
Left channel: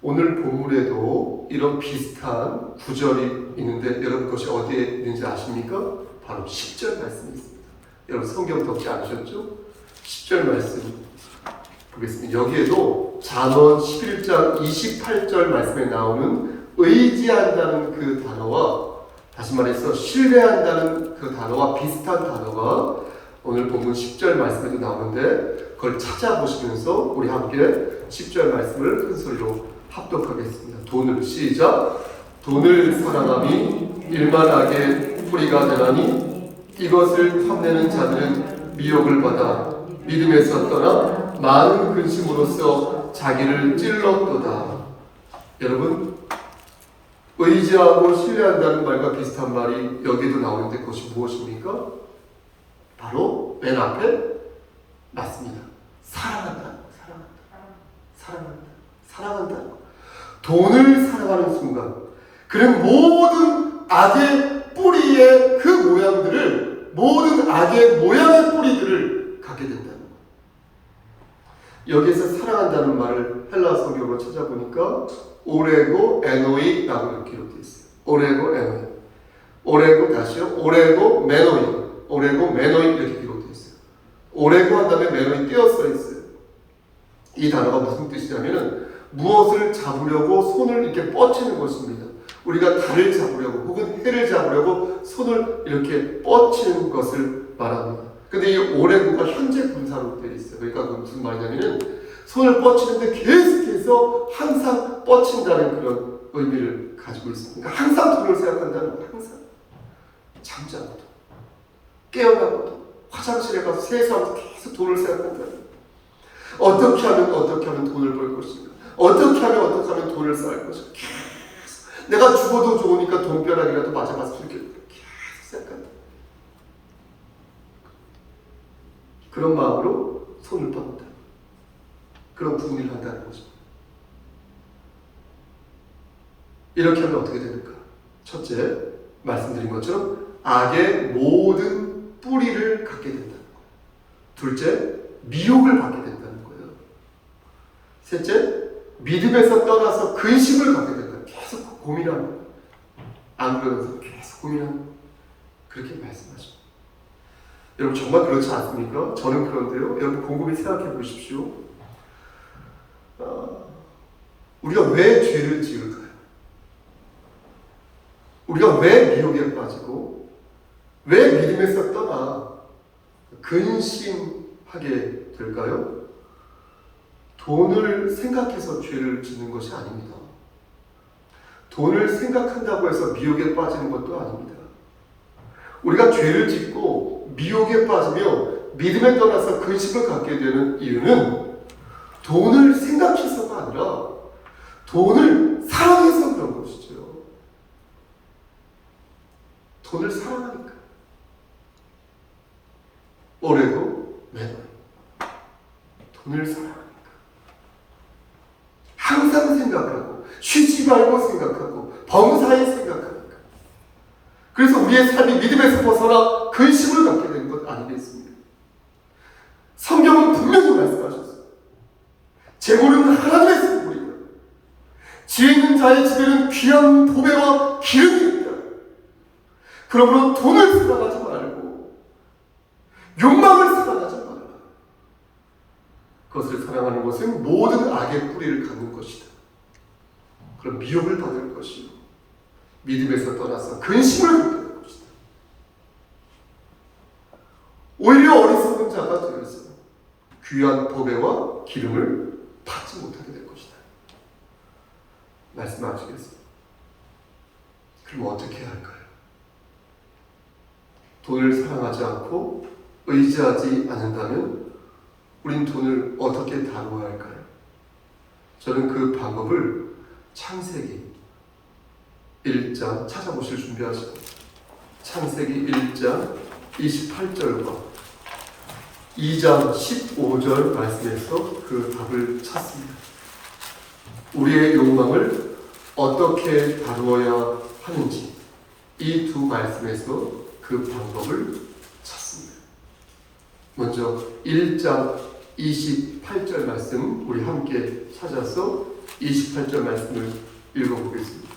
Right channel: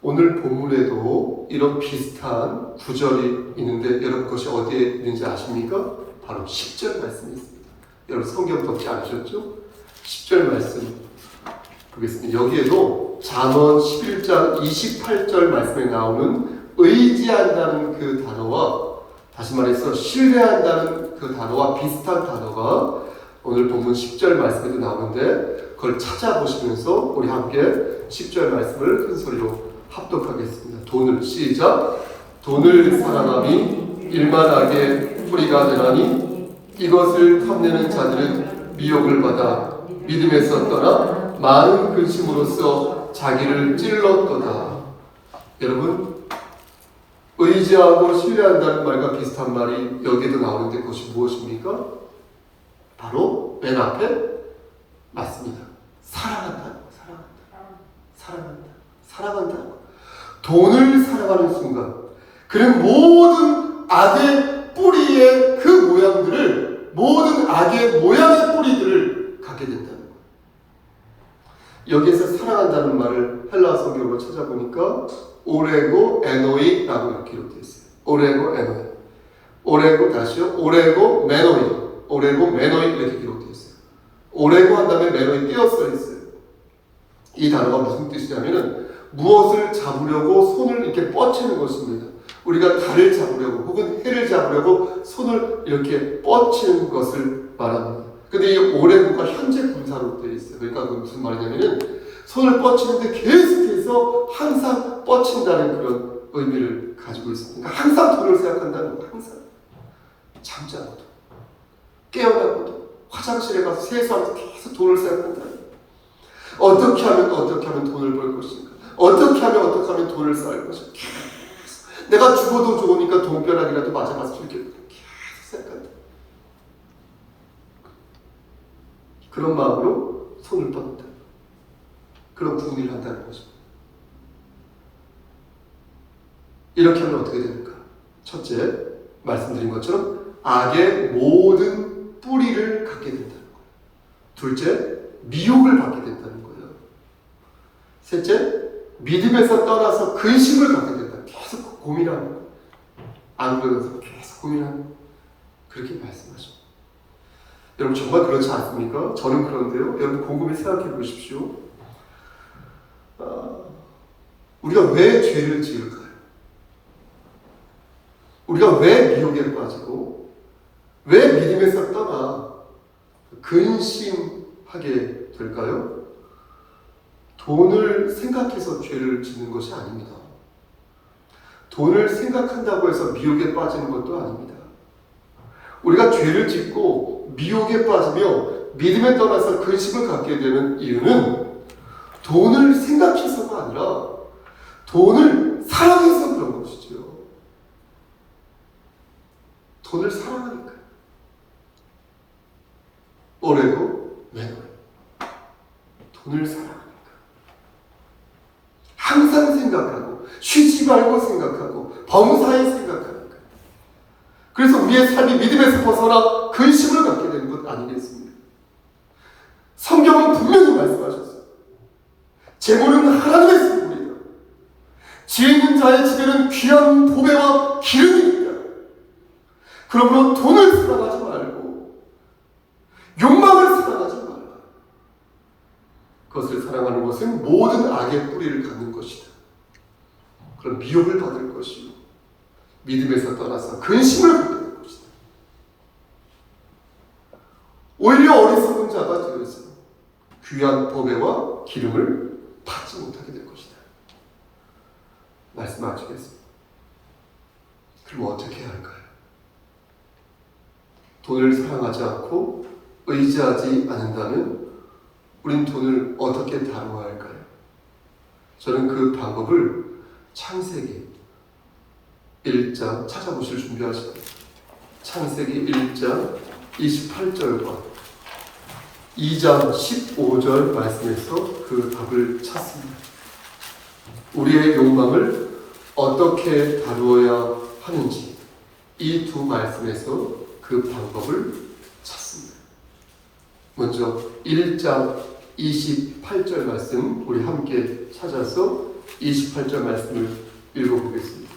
오늘 본문에도 이런 비슷한 구절이 있는데 여러분 그것이 어디에 있는지 아십니까? 바로 10절 말씀이 있습니다. 여러분 성경 덮지 않으셨죠? 10절 말씀 보겠습니다. 여기에도 잠언 11장 28절 말씀에 나오는 의지한다는 그 단어와 다시 말해서 신뢰한다는 그 단어와 비슷한 단어가 오늘 본문 10절 말씀에도 나오는데 그걸 찾아보시면서 우리 함께 10절 말씀을 큰 소리로 합독하겠습니다. 돈을 시작. 돈을 사랑함이 일만하게 뿌리가 되나니 이것을 탐내는 자들은 미혹을 받아 믿음에서 떠나 많은 근심으로써 자기를 찔렀도다. 여러분 의지하고 신뢰한다는 말과 비슷한 말이 여기에도 나오는데 그것이 무엇입니까? 바로 맨 앞에 맞습니다. 사랑한다는 거, 사랑한다는 거. 돈을 사랑하는 순간 그는 모든 악의 뿌리의 그 모양들을 모든 악의 모양의 뿌리들을 갖게 된다는 거예요. 여기에서 사랑한다는 말을 헬라 성경으로 찾아보니까 오레고 에노이라고 이렇게 기록되어 있어요. 오레고 에노이. 오레고 다시요. 오레고 메노이. 오레고 메노이 이렇게 기록되어 있어요. 오레고 한 다음에 메노이 띄어써 있어요. 이 단어가 무슨 뜻이냐면은 무엇을 잡으려고 손을 이렇게 뻗치는 것입니다. 우리가 달을 잡으려고 혹은 해를 잡으려고 손을 이렇게 뻗치는 것을 말합니다. 근데 이 오래구가 현재 분사로 되어 있어요. 그러니까 그건 무슨 말이냐면은 손을 뻗치는데 계속해서 항상 뻗친다는 그런 의미를 가지고 있습니다. 그러니까 항상 돈을 생각한다는 거예요. 항상. 잠지 않고도, 깨어나고도, 화장실에 가서 세수하면서 계속 돈을 생각한다는 거예요. 어떻게 하면 돈을 벌 것인가? 어떻게 하면 돈을 쌓을 것인가? 계속. 내가 죽어도 좋으니까 돈벼락이라도 맞아가서 죽겠다. 계속 생각한다. 그런 마음으로 손을 뻗는다. 그런 구분을 한다는 거죠. 이렇게 하면 어떻게 되는가? 첫째, 말씀드린 것처럼 악의 모든 뿌리를 갖게 된다는 거예요. 둘째, 미혹을 받게 된다는 거예요. 셋째, 믿음에서 떠나서 근심을 갖게 된다. 계속 고민하는, 안 그러면서 계속 고민하는, 그렇게 말씀하십니다. 여러분 정말 그렇지 않습니까? 저는 그런데요. 여러분 곰곰이 생각해 보십시오. 우리가 왜 죄를 지을까요? 우리가 왜 미혹에 빠지고 왜 믿음에서 떠나 근심하게 될까요? 돈을 생각해서 죄를 짓는 것이 아닙니다. 돈을 생각한다고 해서 미혹에 빠지는 것도 아닙니다. 우리가 죄를 짓고 미혹에 빠지며 믿음에 떠나서 근심을 갖게 되는 이유는 돈을 생각해서가 아니라 돈을 사랑해서 그런 것이죠. 돈을 사랑하니까. 올해도 매년 돈을 사랑하니까. 항상 생각하고 쉬지 말고 생각하고 범사에 생각하니까. 그래서 우리의 삶이 믿음에서 벗어나 근심을 갖게 되는 것 아니겠습니까? 성경은 분명히 말씀하셨어요. 재물은 하나님의 선물이다. 지혜 있는 자의 집에는 귀한 보배와 기름이 있다. 그러므로 돈을 사랑하지 말고 욕망을 사랑하지 말고 그것을 사랑하는 것은 모든 악의 뿌리를 갖는 것이다. 그럼 미혹을 받을 것이요 믿음에서 떠나서 근심을 갖게 될 것이다. 오히려 어리석은 자가 되어서 귀한 보배와 기름을 받지 못하게 될 것이다. 말씀하시겠습니다. 그럼 어떻게 해야 할까요? 돈을 사랑하지 않고 의지하지 않는다면 우린 돈을 어떻게 다루어야 할까요? 저는 그 방법을 창세기 1장 찾아보실 준비하시고 창세기 1장 28절과 2장 15절 말씀에서 그 답을 찾습니다. 우리의 욕망을 어떻게 다루어야 하는지 이 두 말씀에서 그 방법을 찾습니다. 먼저 1장 28절 말씀 우리 함께 찾아서 28절 말씀을 읽어보겠습니다.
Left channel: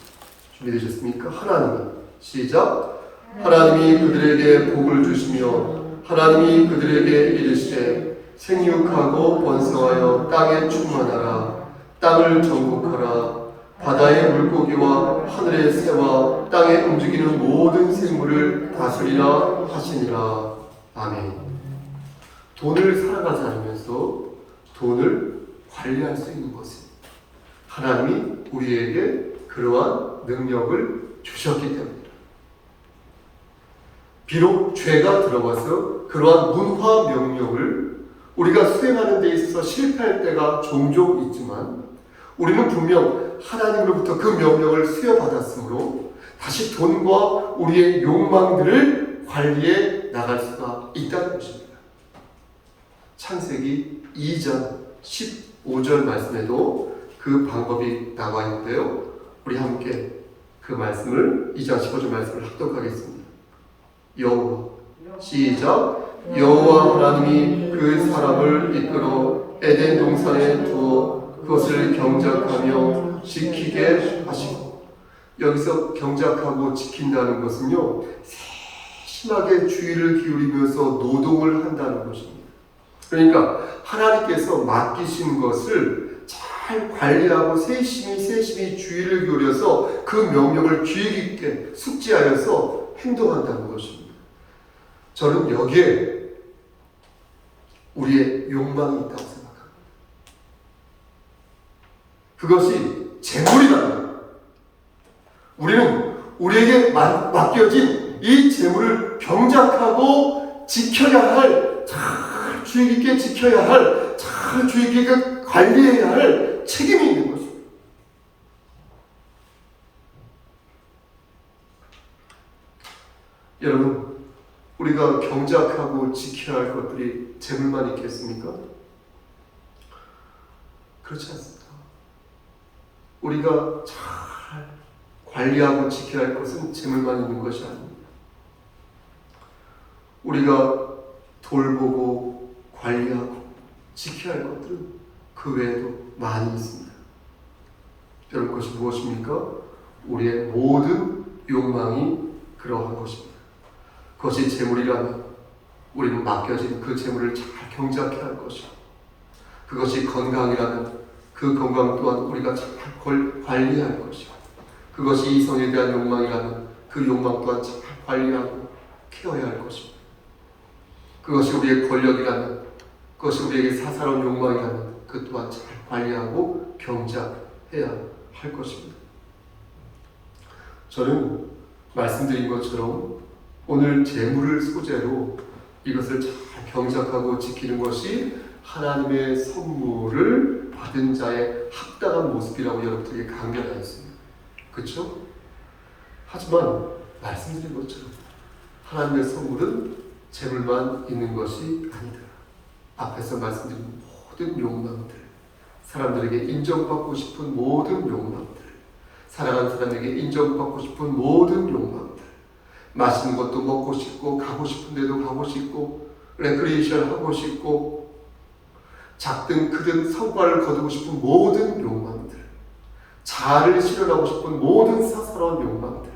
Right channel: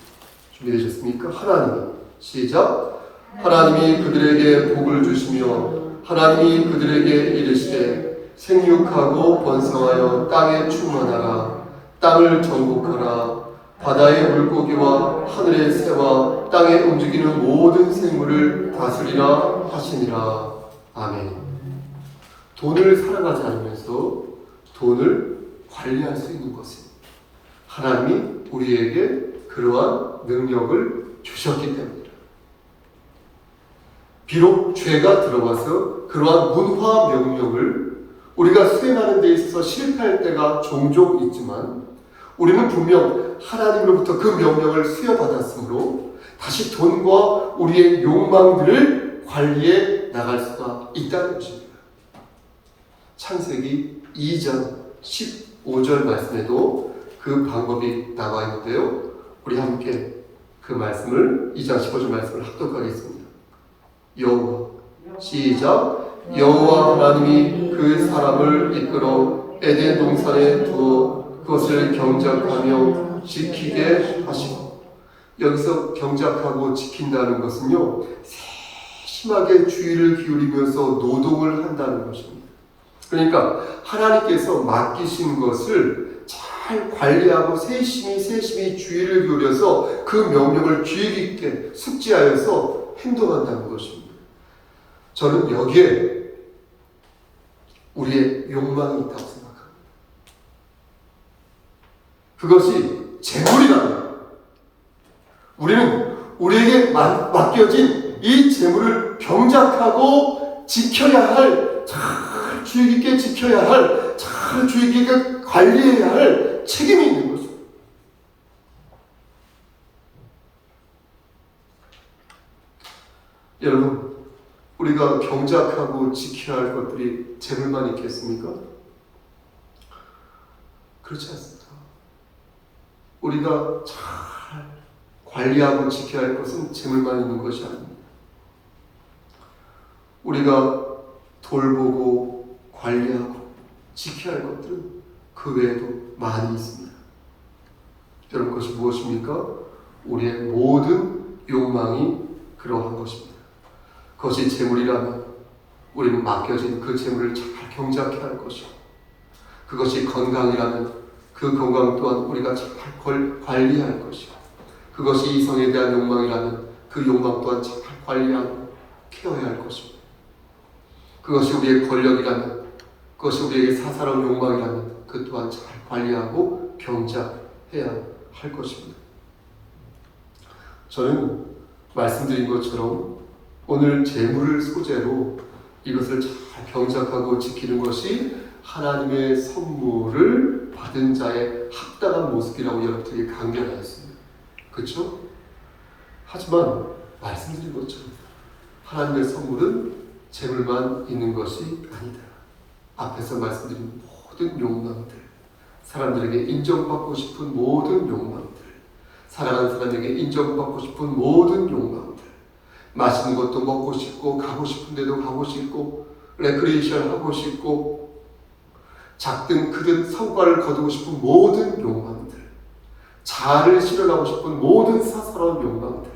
준비되셨습니까? 하나님이 시작. 하나님이 그들에게 복을 주시며 하나님이 그들에게 이르시되 생육하고 번성하여 땅에 충만하라. 땅을 정복하라. 바다의 물고기와 하늘의 새와 땅에 움직이는 모든 생물을 다스리라 하시니라. 아멘. 돈을 사랑하지 않으면서 돈을 관리할 수 있는 것은 하나님이 우리에게 그러한 능력을 주셨기 때문이다. 비록 죄가 들어와서 그러한 문화 명령을 우리가 수행하는 데 있어서 실패할 때가 종종 있지만 우리는 분명 하나님으로부터 그 명령을 수여받았으므로 다시 돈과 우리의 욕망들을 관리해 나갈 수가 있다는 것입니다. 창세기 2장 15절 말씀에도 그 방법이 나와 있는데요. 우리 함께 그 말씀을 2장 15절 말씀을 합독하겠습니다. 여호와 시작. 여호와 하나님이 그 사람을 이끌어 에덴 동산에 두어 그것을 경작하며 지키게 하시고, 여기서 경작하고 지킨다는 것은요 세심하게 주의를 기울이면서 노동을 한다는 것입니다. 그러니까 하나님께서 맡기신 것을 잘 관리하고 세심히 주의를 기울여서 그 명령을 주의 깊게 숙지하여서 행동한다는 것입니다. 저는 여기에 우리의 욕망이 있다고 생각합니다. 그것이 재물이라면 우리는 우리에게 맡겨진 이 재물을 경작하고 지켜야 할, 잘 주의 깊게 지켜야 할, 잘 주의 깊게 관리해야 할 책임이 있는 것입니다. 여러분, 우리가 경작하고 지켜야 할 것들이 재물만 있겠습니까? 그렇지 않습니다. 우리가 잘 관리하고 지켜야 할 것은 재물만 있는 것이 아닙니다. 우리가 돌보고 관리하고 지켜야 할 것들은 그 외에도 많이 있습니다. 여러분, 그것이 무엇입니까? 우리의 모든 욕망이 그러한 것입니다. 그것이 재물이라면 우리는 맡겨진 그 재물을 잘 경작해야 할 것이고, 그것이 건강이라면 그 건강 또한 우리가 잘 관리해야 할 것이고, 그것이 이성에 대한 욕망이라면 그 욕망 또한 잘 관리하고 케어해야 할 것입니다. 그것이 우리의 권력이라면, 그것이 우리에게 사사로운 욕망이라면 그 또한 잘 관리하고 경작해야 할 것입니다. 저는 말씀드린 것처럼 오늘 재물을 소재로 이것을 잘 경작하고 지키는 것이 하나님의 선물을 받은 자의 합당한 모습이라고 여러분들이 강변하였습니다. 그렇죠? 하지만 말씀드린 것처럼 하나님의 선물은 재물만 있는 것이 아니다. 앞에서 말씀드린 모든 욕망들, 사람들에게 인정받고 싶은 모든 욕망들, 사랑하는 사람에게 인정받고 싶은 모든 욕망들, 맛있는 것도 먹고 싶고, 가고 싶은 데도 가고 싶고, 레크리에이션 하고 싶고, 작든 크든 성과를 거두고 싶은 모든 욕망들, 자아를 실현하고 싶은 모든 사사로운 욕망들,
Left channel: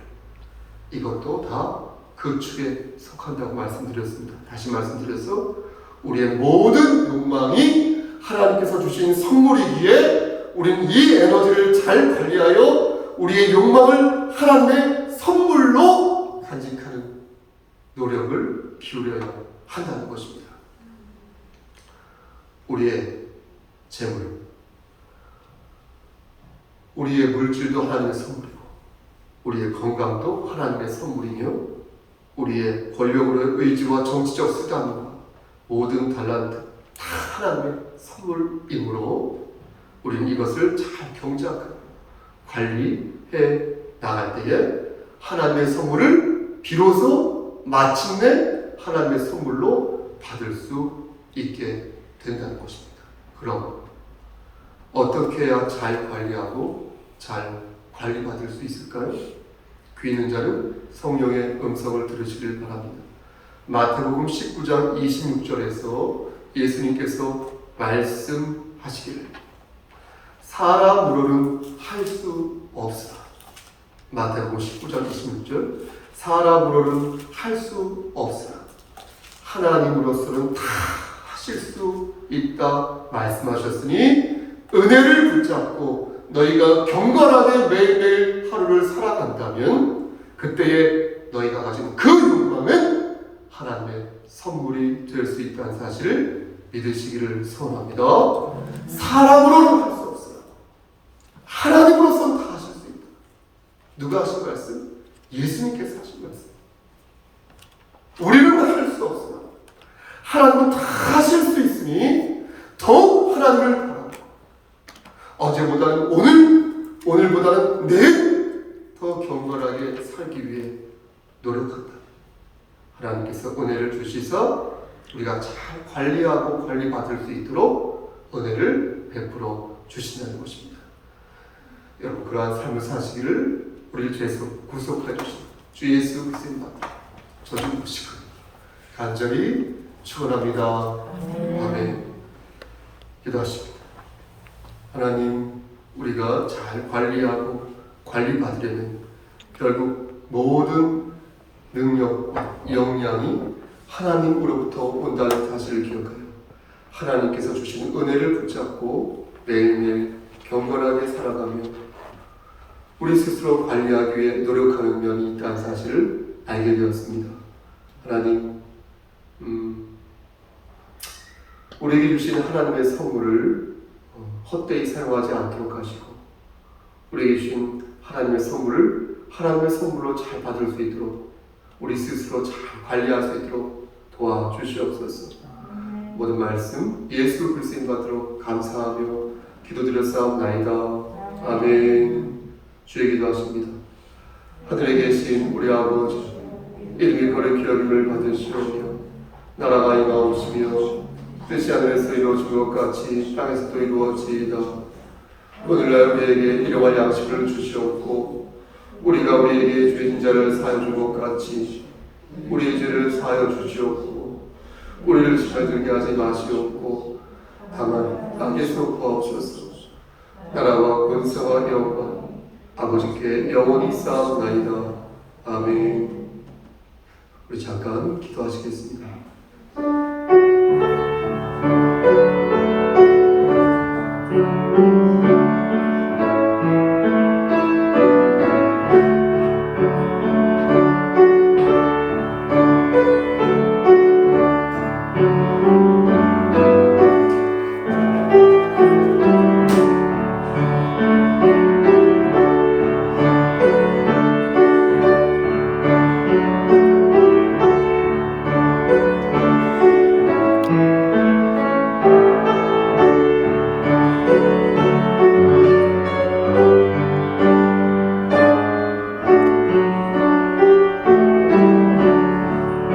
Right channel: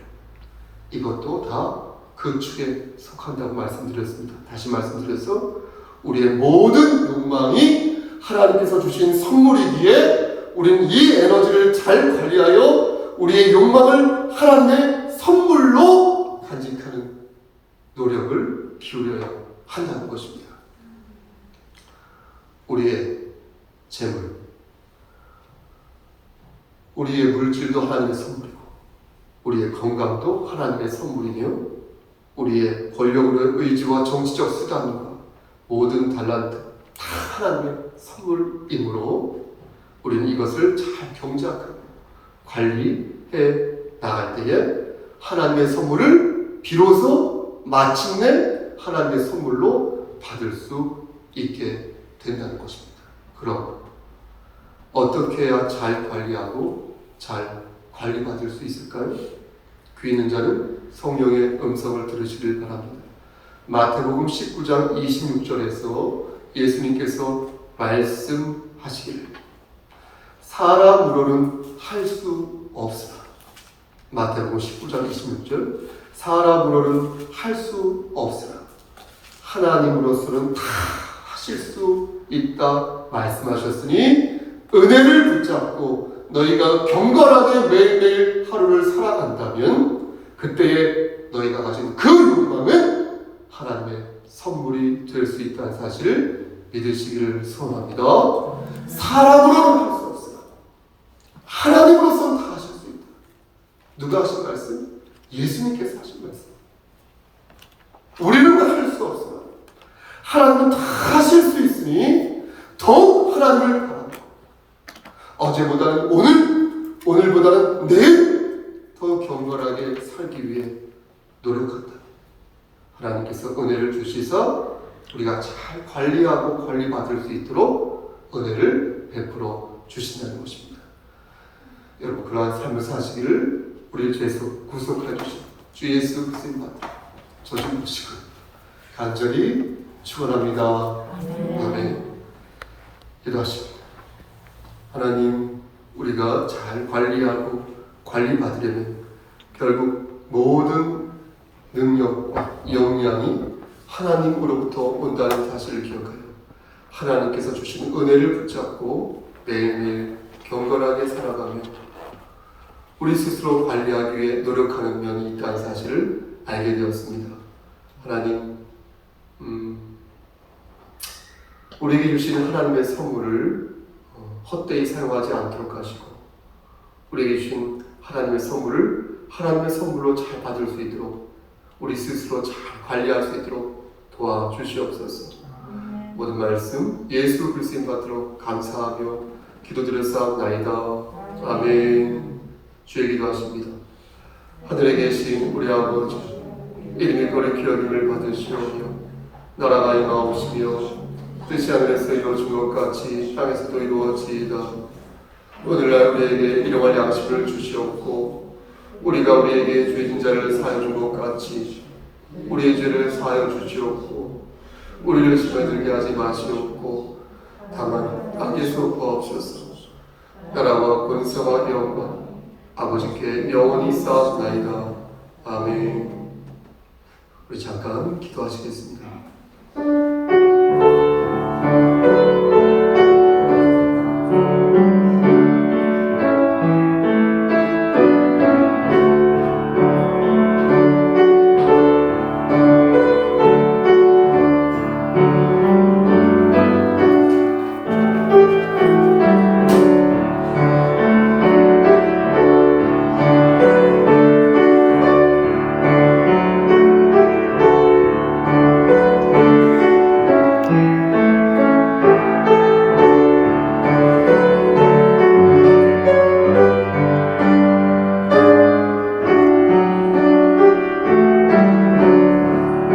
이것도 다 그 축에 속한다고 말씀드렸습니다. 다시 말씀드려서 우리의 모든 욕망이 하나님께서 주신 선물이기에 우리는 이 에너지를 잘 관리하여 우리의 욕망을 하나님의 선물로 간직하는 노력을 기울여야 한다는 것입니다. 우리의 재물, 우리의 물질도 하나님의 선물이고, 우리의 건강도 하나님의 선물이며, 우리의 권력으로의 의지와 정치적 수단과 모든 달란트 다 하나님의 선물이므로 우리는 이것을 잘 경작하고 관리해 나갈 때에 하나님의 선물을 비로소 마침내 하나님의 선물로 받을 수 있게 된다는 것입니다. 그럼 어떻게 해야 잘 관리하고 잘 관리받을 수 있을까요? 귀 있는 자는 성령의 음성을 들으시길 바랍니다. 마태복음 19장 26절에서 예수님께서 말씀하시기를 사람으로는 할 수 없으나, 마태복음 19장 26절, 사람으로는 할 수 없으나 하나님으로서는 다 하실 수 있다 말씀하셨으니 은혜를 붙잡고 너희가 경건하게 매일매일 하루를 살아간다면 그때에 너희가 가진 그 욕망은 하나님의 선물이 될 수 있다는 사실을 믿으시기를 소원합니다. 사람으로는 할 수 없으나 하나님으로서는 다 하실 수 있다. 누가 하신 말씀? 예수님께서 하신 말씀. 우리는 할 수 없으나 하나님은 다 하실 수 있으니 더욱 하나님을 바라고 어제보다는 오늘보다는 내일 더 경건하게 살기 위해 노력한다. 하나님께서 은혜를 주시사 우리가 잘 관리하고 관리받을 수 있도록 은혜를 베풀어 주신다는 것입니다. 여러분, 그러한 삶을 사시기를 우리를 죄에서 구속해 주신 주 예수 그리스도의 저좀 보시고 간절히 축원합니다. 아멘. 기도하십니다. 하나님, 우리가 잘 관리하고 관리받으려면 결국 모든 능력과 역량이 하나님으로부터 온다는 사실을 기억하여 하나님께서 주시는 은혜를 붙잡고 매일매일 경건하게 살아가며 우리 스스로 관리하기 위해 노력하는 면이 있다는 사실을 알게 되었습니다. 하나님, 우리에게 주시는 하나님의 선물을 헛되이 사용하지 않도록 하시고 우리에게 주신 하나님의 선물을 하나님의 선물로 잘 받을 수 있도록 우리 스스로 잘 관리할 수 있도록 도와주시옵소서. 모든 말씀 예수 그리스도인 받도록 감사하며 기도드렸사옵나이다. 아멘. 주의 기도하십니다. 하늘에 계신 우리 아버지, 이름이 거룩히 여김을 받으시오며 나라가 임하옵시며 뜻이 하늘에서 이루어진 것 같이 땅에서도 이루어지이다. 오늘날 우리에게 일용할 양식을 주시옵고 우리가 우리에게 죄진 자를 사하여 준 것 같이 우리의 죄를 사하여 주시옵고 우리를 시험에 들게 하지 마시옵고 다만 악에서 구하옵소서. 나라와 권세와 영광 아버지께 영원히 있사옵나이다. 아멘. 우리 잠깐 기도하시겠습니다.